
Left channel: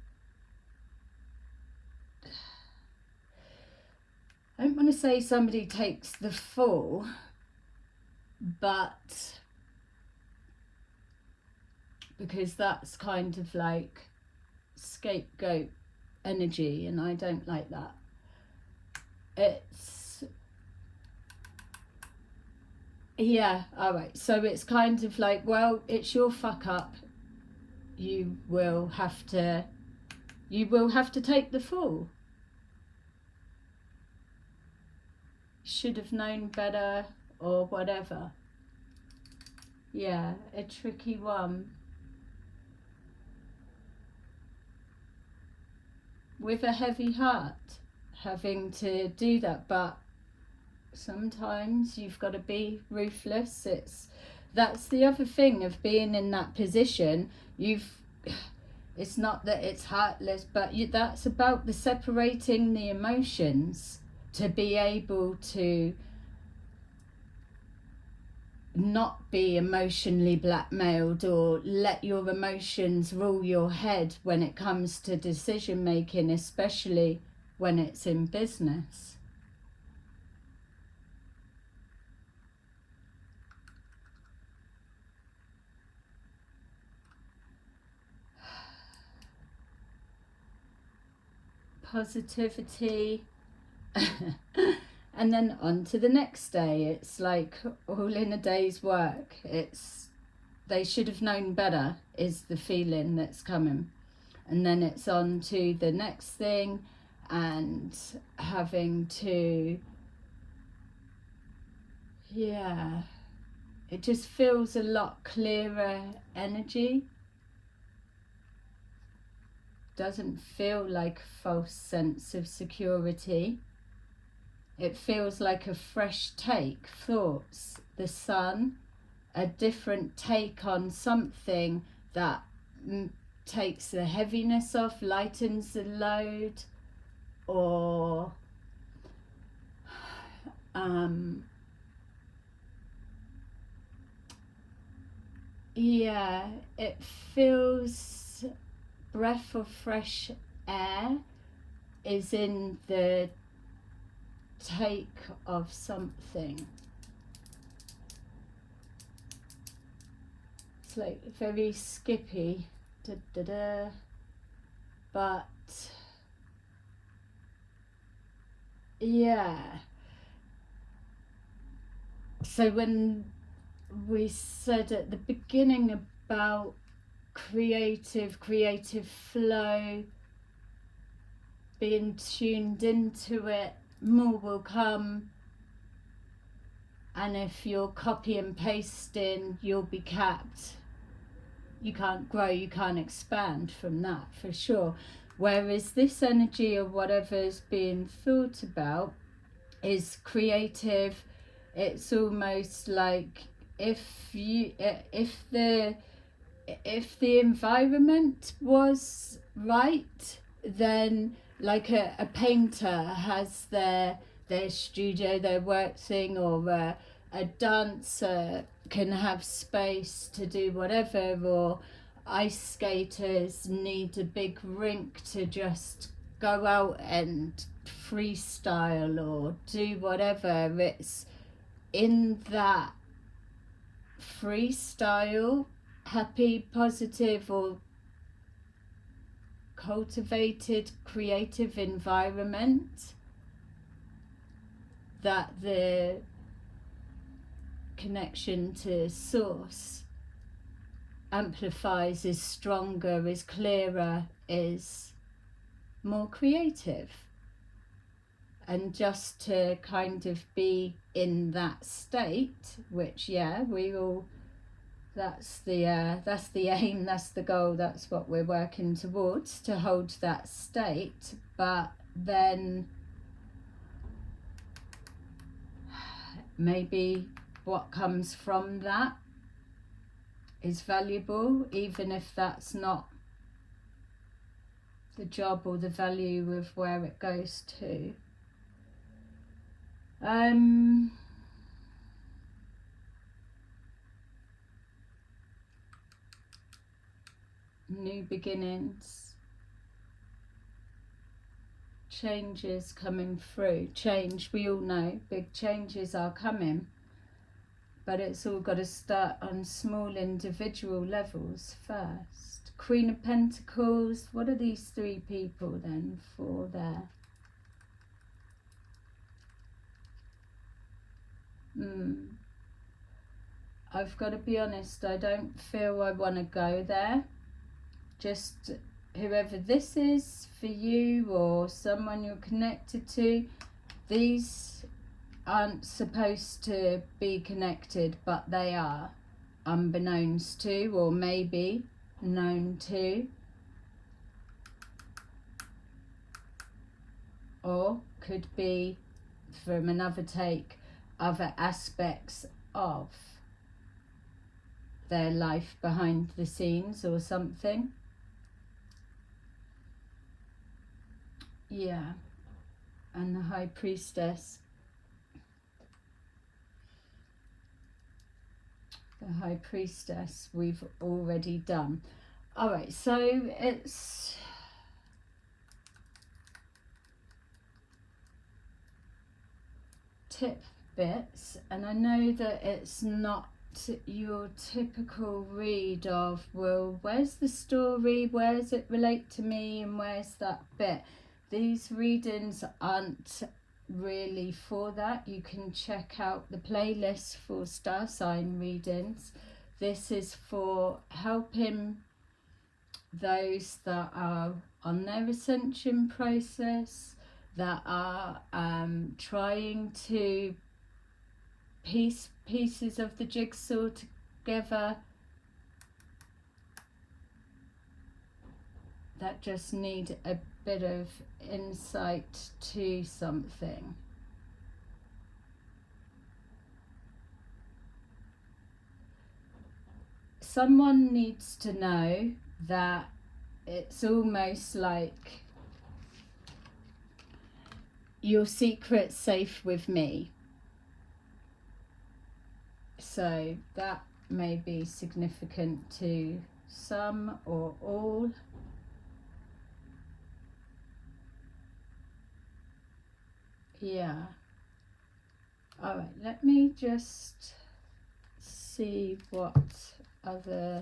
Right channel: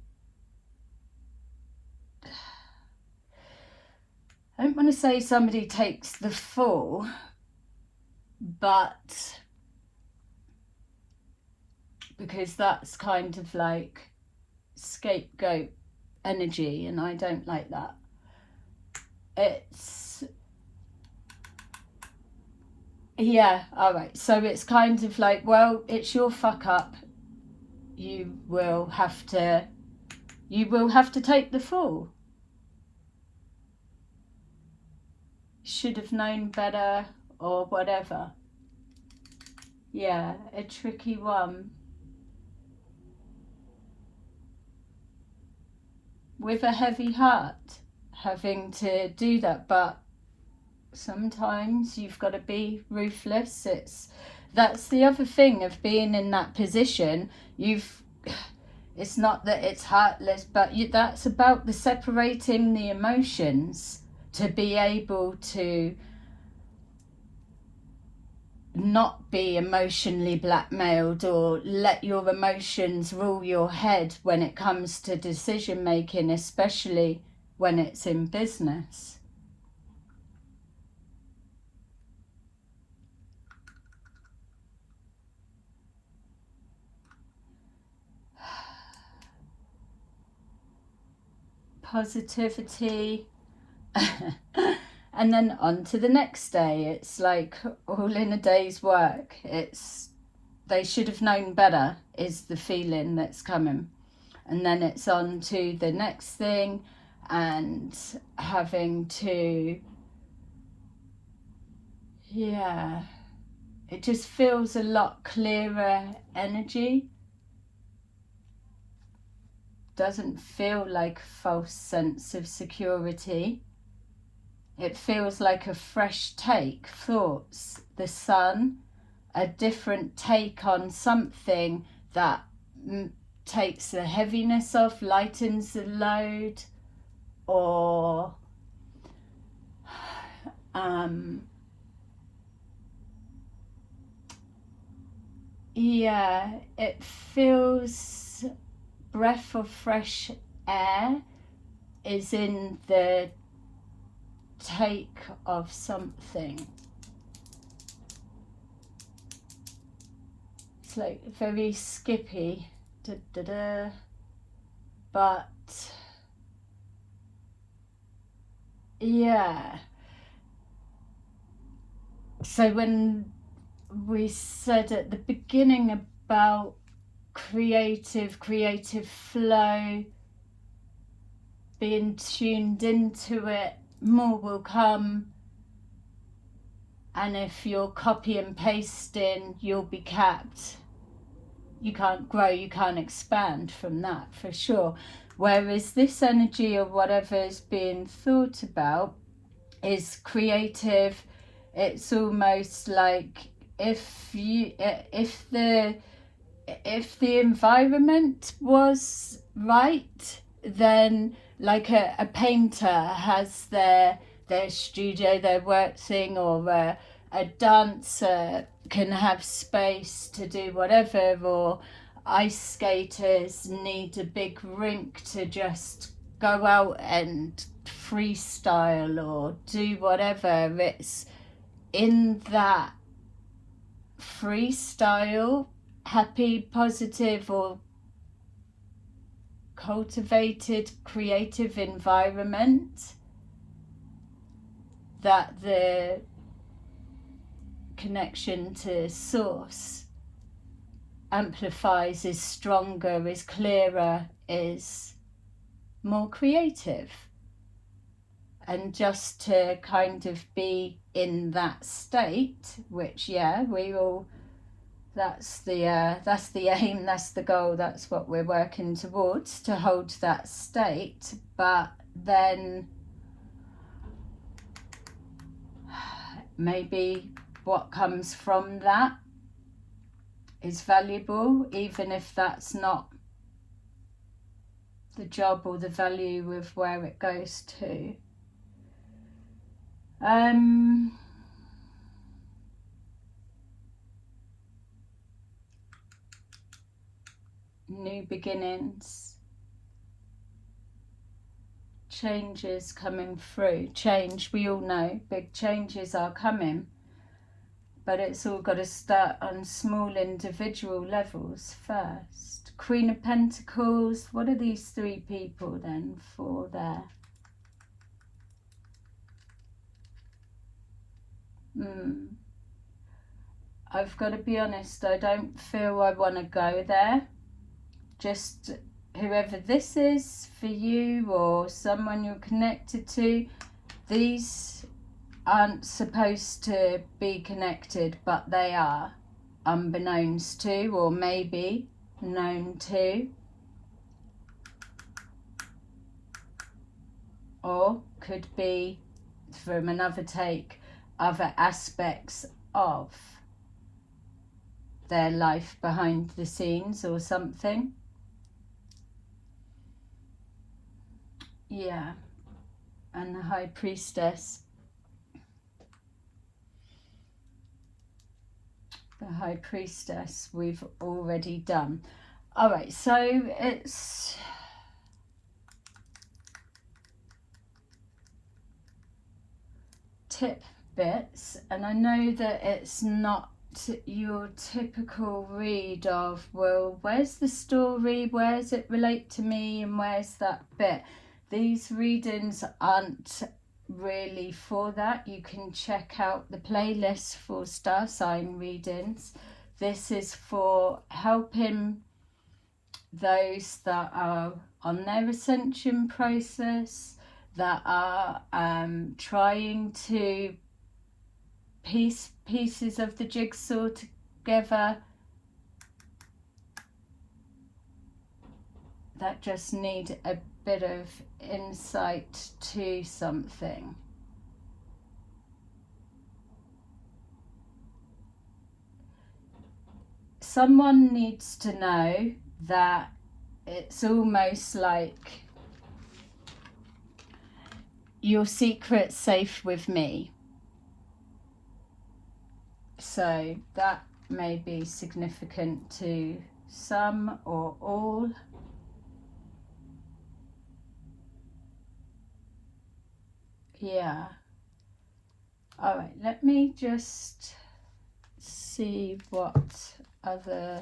I don't want to say somebody takes the fall, but because that's kind of like scapegoat energy, and I don't like that. It's, yeah, alright, so it's kind of like, well, it's your fuck up, you will have to take the fall. Should have known better, or whatever. Yeah, a tricky one. With a heavy heart, having to do that, but sometimes you've got to be ruthless. That's the other thing of being in that position. It's not that it's heartless, but that's about the separating the emotions, to be able to not be emotionally blackmailed or let your emotions rule your head when it comes to decision making, especially when it's in business. Positivity. And then on to the next day. It's like all in a day's work. It's, they should have known better is the feeling that's coming. And then it's on to the next thing, and having to, yeah, it just feels a lot clearer energy. Doesn't feel like a false sense of security. It feels like a fresh take, thoughts, the sun, a different take on something that takes the heaviness off, lightens the load, or yeah, it feels breath of fresh air is in the take of something. It's like very skippy, but yeah. So when we said at the beginning about creative flow, being tuned into it, more will come. And if you're copy and pasting, you'll be capped. You can't grow, you can't expand from that, for sure. Whereas this energy or whatever is being thought about is creative. It's almost like if the environment was right, then like a painter has their studio, their work thing, or a dancer can have space to do whatever, or ice skaters need a big rink to just go out and freestyle or do whatever. It's in that freestyle, happy, positive, or cultivated, creative environment that the connection to source amplifies, is stronger, is clearer, is more creative. And just to kind of be in that state, which we all, that's the aim, that's the goal, that's what we're working towards, to hold that state. But then maybe what comes from that is valuable, even if that's not the job or the value of where it goes to. New beginnings, changes coming through. Change, we all know, big changes are coming, but it's all got to start on small individual levels first. Queen of Pentacles, what are these three people then for there? I've got to be honest, I don't feel I want to go there. Just whoever this is for you or someone you're connected to, these aren't supposed to be connected, but they are, unbeknownst to, or maybe known to, or could be, from another take, other aspects of their life behind the scenes or something. Yeah, and the High Priestess. The High Priestess we've already done. Alright, so it's tip bits, and I know that it's not your typical read of, well, where's the story, where's it relate to me, and where's that bit. These readings aren't really for that. You can check out the playlist for star sign readings. This is for helping those that are on their ascension process, that are trying to piece pieces of the jigsaw together, that just need a bit of insight to something. Someone needs to know that it's almost like your secret's safe with me. So that may be significant to some or all. Yeah. All right, let me just see what other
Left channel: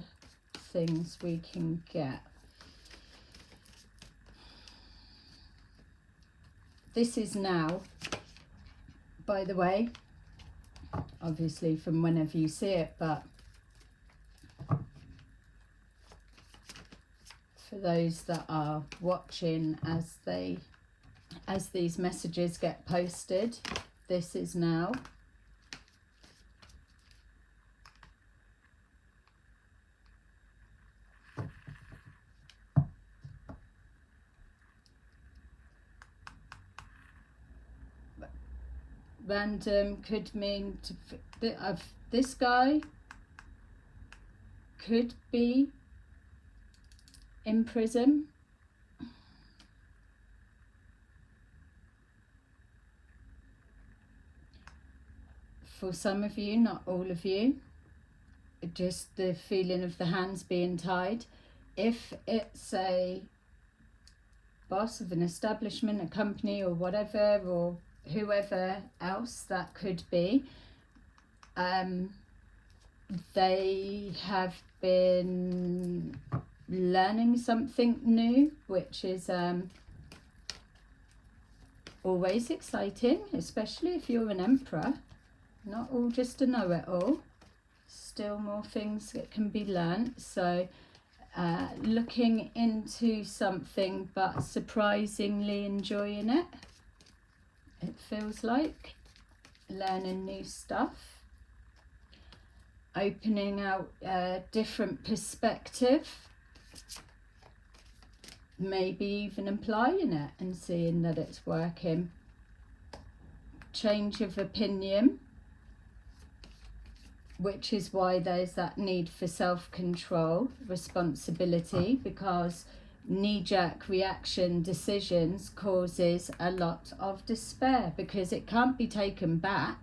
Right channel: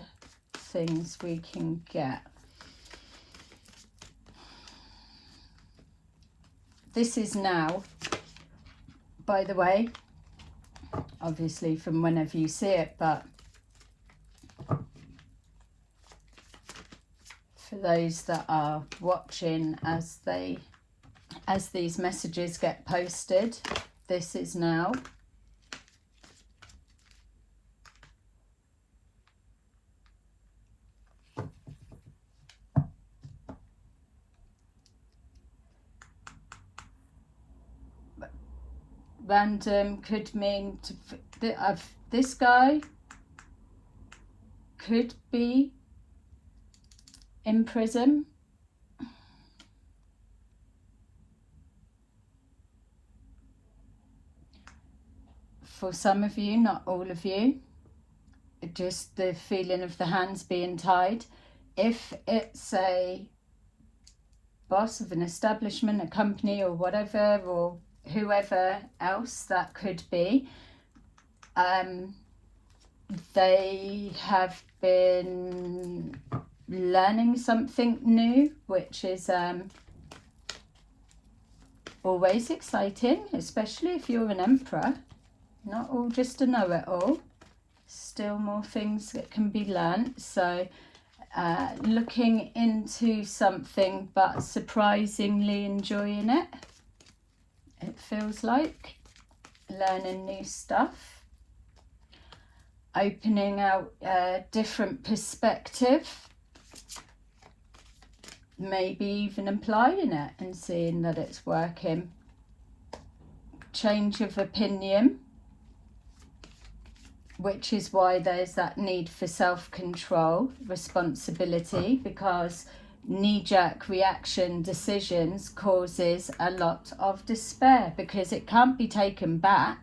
things we can get. This is now, by the way, obviously from whenever you see it, but for those that are watching as these messages get posted, this is now. random could mean this guy could be in prison. For some of you, not all of you, just the feeling of the hands being tied. If it's a boss of an establishment, a company or whatever, or whoever else that could be, they have been learning something new, which is always exciting, especially if you're an emperor. Not all just a know-it-all, still more things that can be learnt. So looking into something but surprisingly enjoying it, it feels like. Learning new stuff, opening out a different perspective, maybe even applying it and seeing that it's working. Change of opinion, which is why there's that need for self-control, responsibility, because knee-jerk reaction decisions causes a lot of despair because it can't be taken back.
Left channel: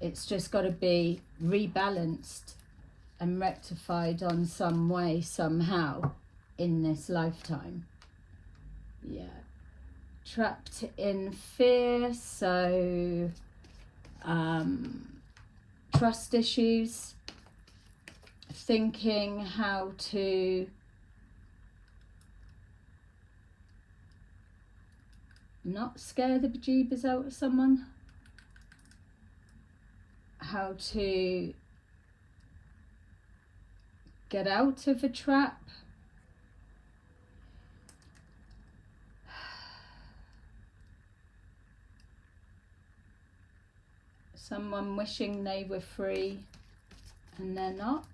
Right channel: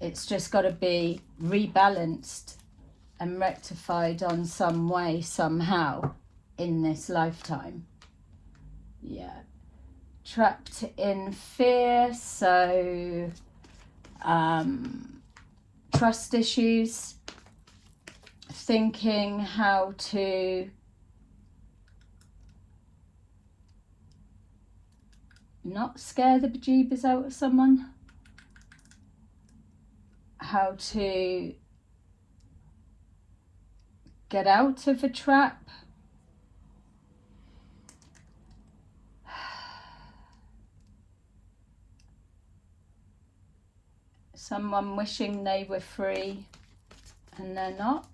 It's just got to be rebalanced and rectified on some way, somehow, in this lifetime. Yeah. Trapped in fear, so trust issues, thinking how to not scare the bejeebers out of someone, how to get out of a trap, someone wishing they were free and they're not.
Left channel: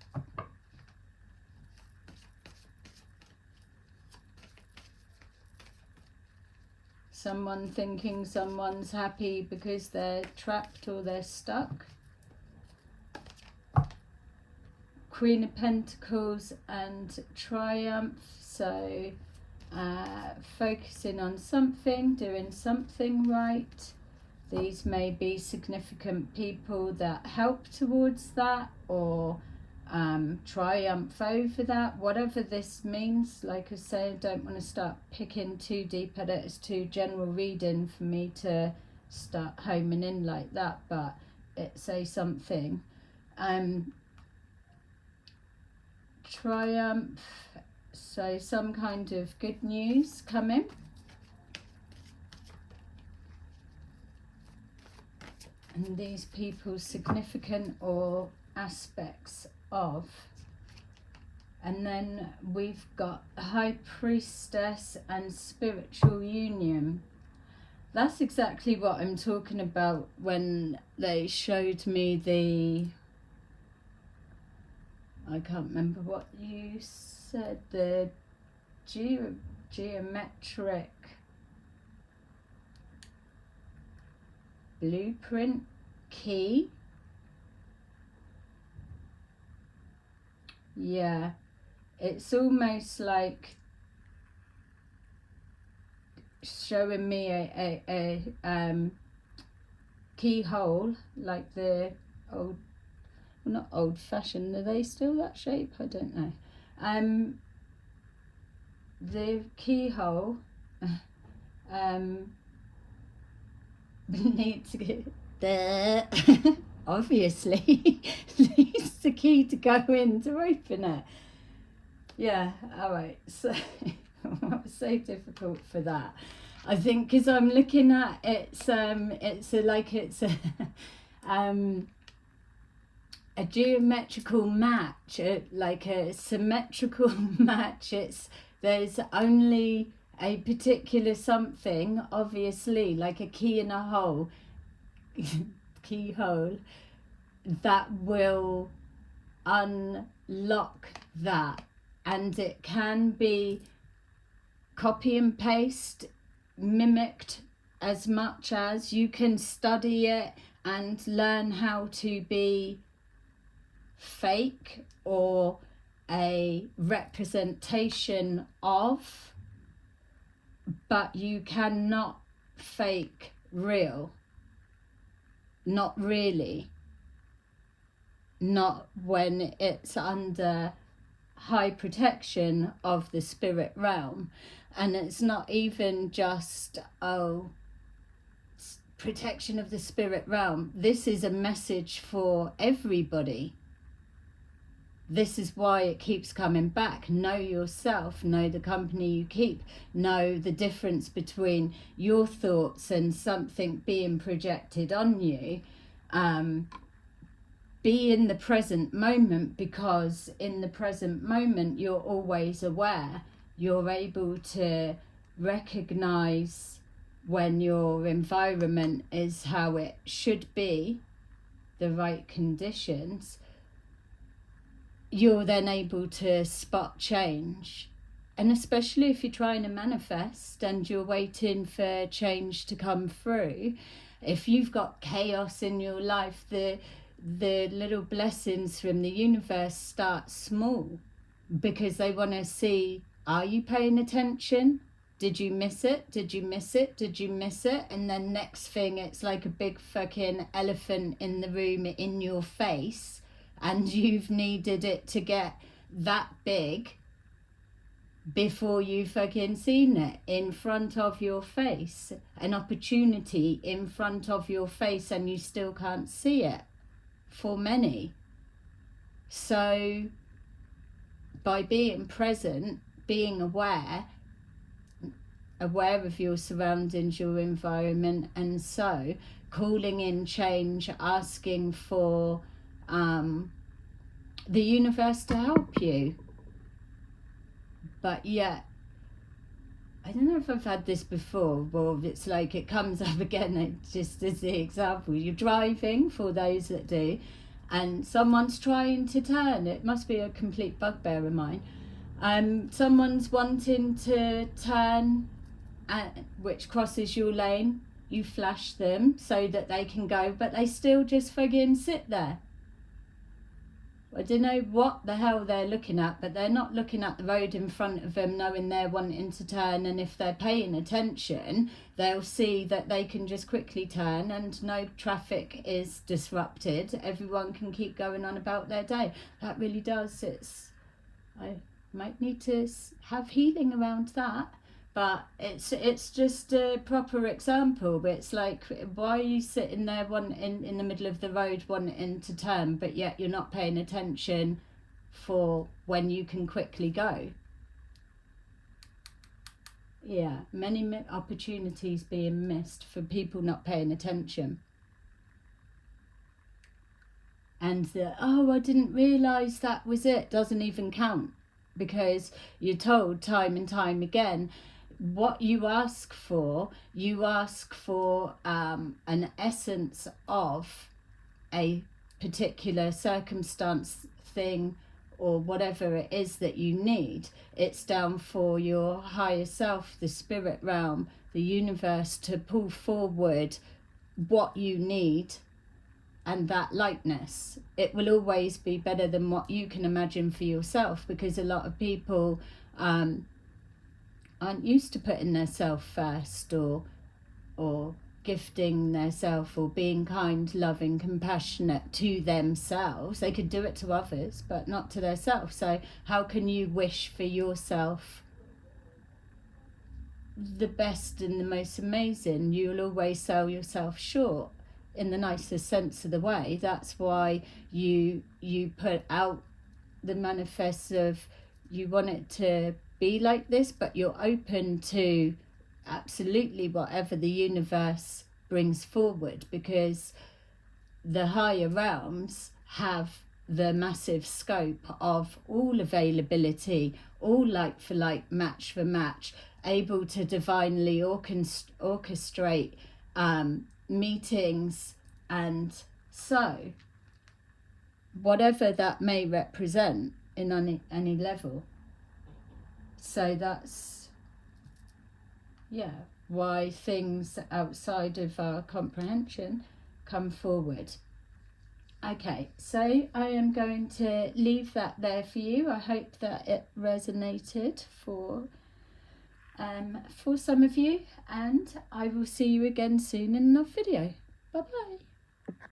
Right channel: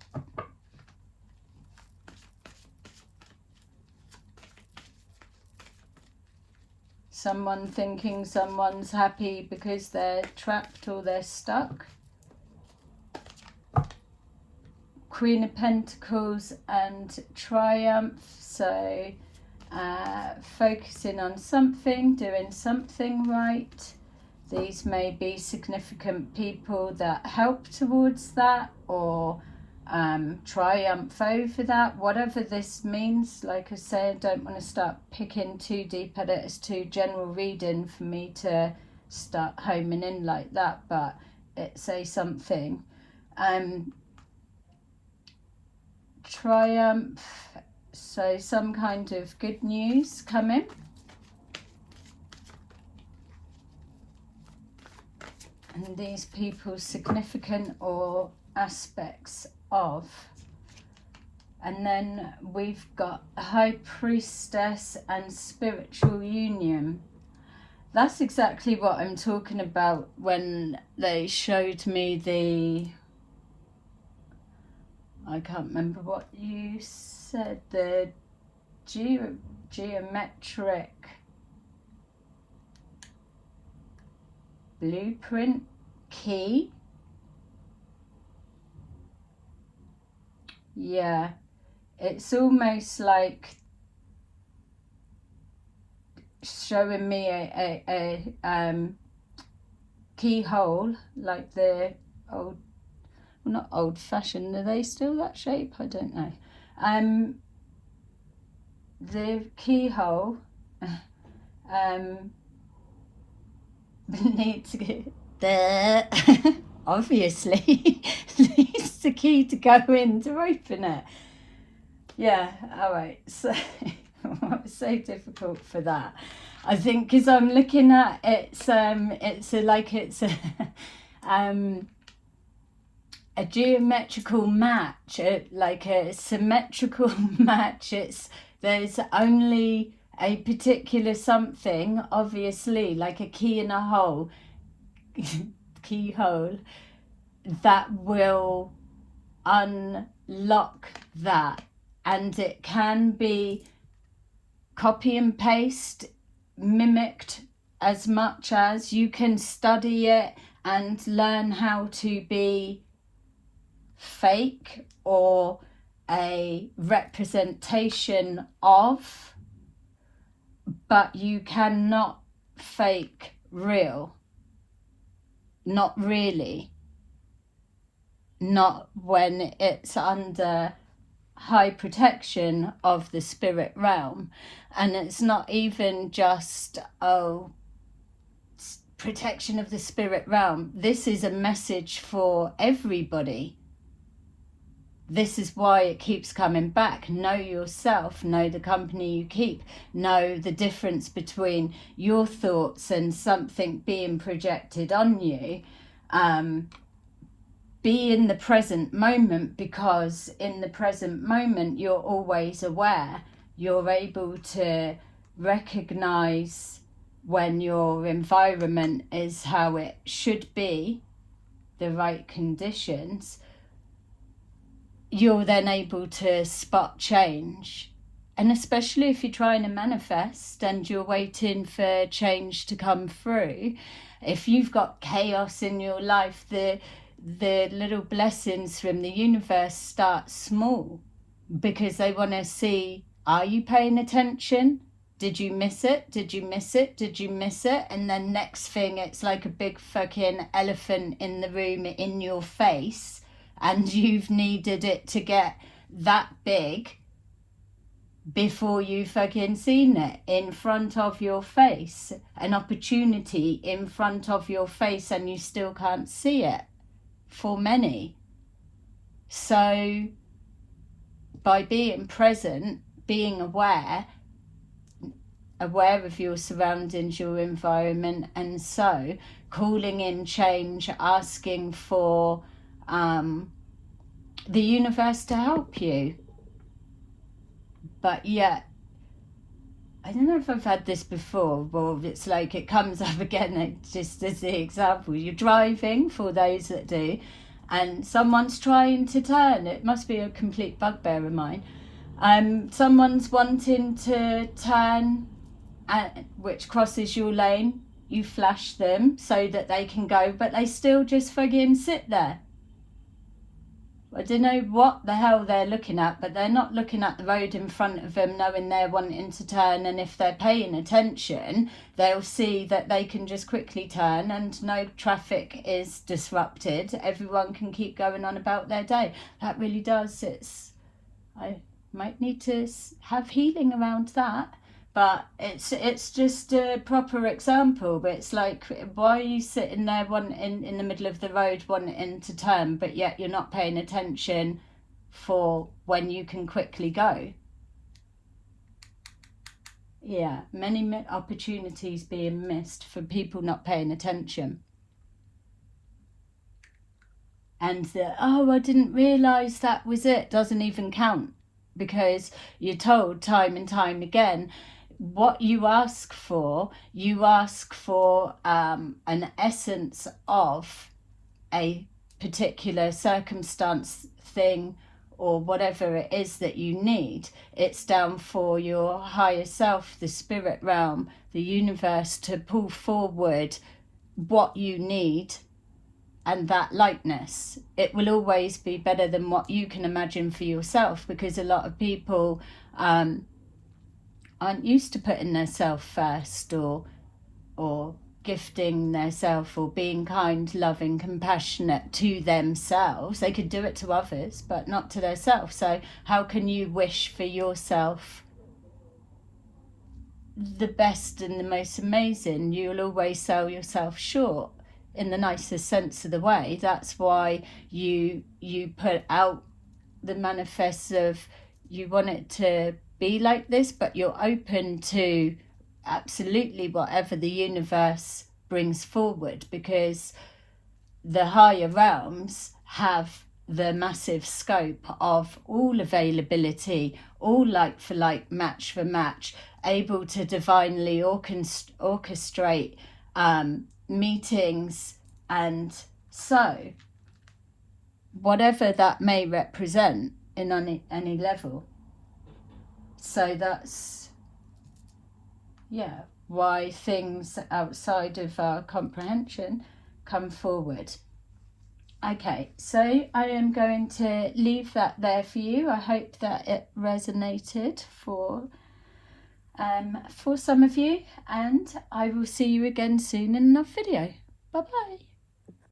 Someone thinking someone's happy because they're trapped or they're stuck. Queen of Pentacles and Triumph, so focusing on something, doing something right. These may be significant people that help towards that, or triumph over that, whatever this means. Like I say, I don't want to start picking too deep at it. It's too general reading for me to start homing in like that, but it's a something. Triumph, so some kind of good news coming. And these people significant or aspects of. And then we've got High Priestess and Spiritual Union. That's exactly what I'm talking about when they showed me the, I can't remember what you said, the geometric blueprint key. Yeah, it's almost like showing me a keyhole, like the old, well, not old fashioned, are they still that shape? I don't know. The keyhole needs to get there. Obviously needs the key to go in to open it. Yeah, all right. So what's so difficult for that? I think because I'm looking at it's a geometrical match, like a symmetrical match. There's only a particular something, obviously, like a key in a hole, keyhole, that will unlock that. And it can be copy and paste, mimicked as much as you can study it and learn how to be fake or a representation of, but you cannot fake real. Not really. Not when it's under high protection of the spirit realm. And it's not even just, oh, protection of the spirit realm. This is a message for everybody. This is why it keeps coming back. Know yourself, know the company you keep, know the difference between your thoughts and something being projected on you. Be in the present moment, because in the present moment you're always aware. You're able to recognize when your environment is how it should be, the right conditions. You're then able to spot change. And especially if you're trying to manifest and you're waiting for change to come through, if you've got chaos in your life, the little blessings from the universe start small, because they want to see, are you paying attention? Did you miss it? Did you miss it? Did you miss it? And then next thing, it's like a big fucking elephant in the room in your face, and you've needed it to get that big before you fucking seen it in front of your face. An opportunity in front of your face, and you still can't see it for many. So by being present, being aware of your surroundings, your environment, and so calling in change, asking for the universe to help you. But yet, I don't know if I've had this before, or it's like it comes up again, just as the example. You're driving, for those that do, and someone's trying to turn. It must be a complete bugbear of mine. Someone's wanting to turn, which crosses your lane. You flash them so that they can go, but they still just fucking sit there. I don't know what the hell they're looking at, but they're not looking at the road in front of them, knowing they're wanting to turn. And if they're paying attention, they'll see that they can just quickly turn and no traffic is disrupted. Everyone can keep going on about their day. That really does. I might need to have healing around that. But it's just a proper example. But it's like, why are you sitting there in the middle of the road wanting to turn, but yet you're not paying attention for when you can quickly go? Yeah, many opportunities being missed for people not paying attention. And oh, I didn't realise that was it, doesn't even count, because you're told time and time again, what you ask for an essence of a particular circumstance, thing, or whatever it is that you need. It's down for your higher self, the spirit realm, the universe, to pull forward what you need, and that likeness. It will always be better than what you can imagine for yourself, because a lot of people aren't used to putting themselves first, or gifting themselves, or being kind, loving, compassionate to themselves. They could do it to others, but not to themselves. So how can you wish for yourself the best and the most amazing? You'll always sell yourself short, in the nicest sense of the way. That's why you put out the manifest of, you want it to be like this, but you're open to absolutely whatever the universe brings forward, because the higher realms have the massive scope of all availability, all like for like, match for match, able to divinely orchestrate meetings, and so whatever that may represent in any level. So that's, yeah, why things outside of our comprehension come forward. Okay, so I am going to leave that there for you. I hope that it resonated for some of you, and I will see you again soon in another video. Bye bye.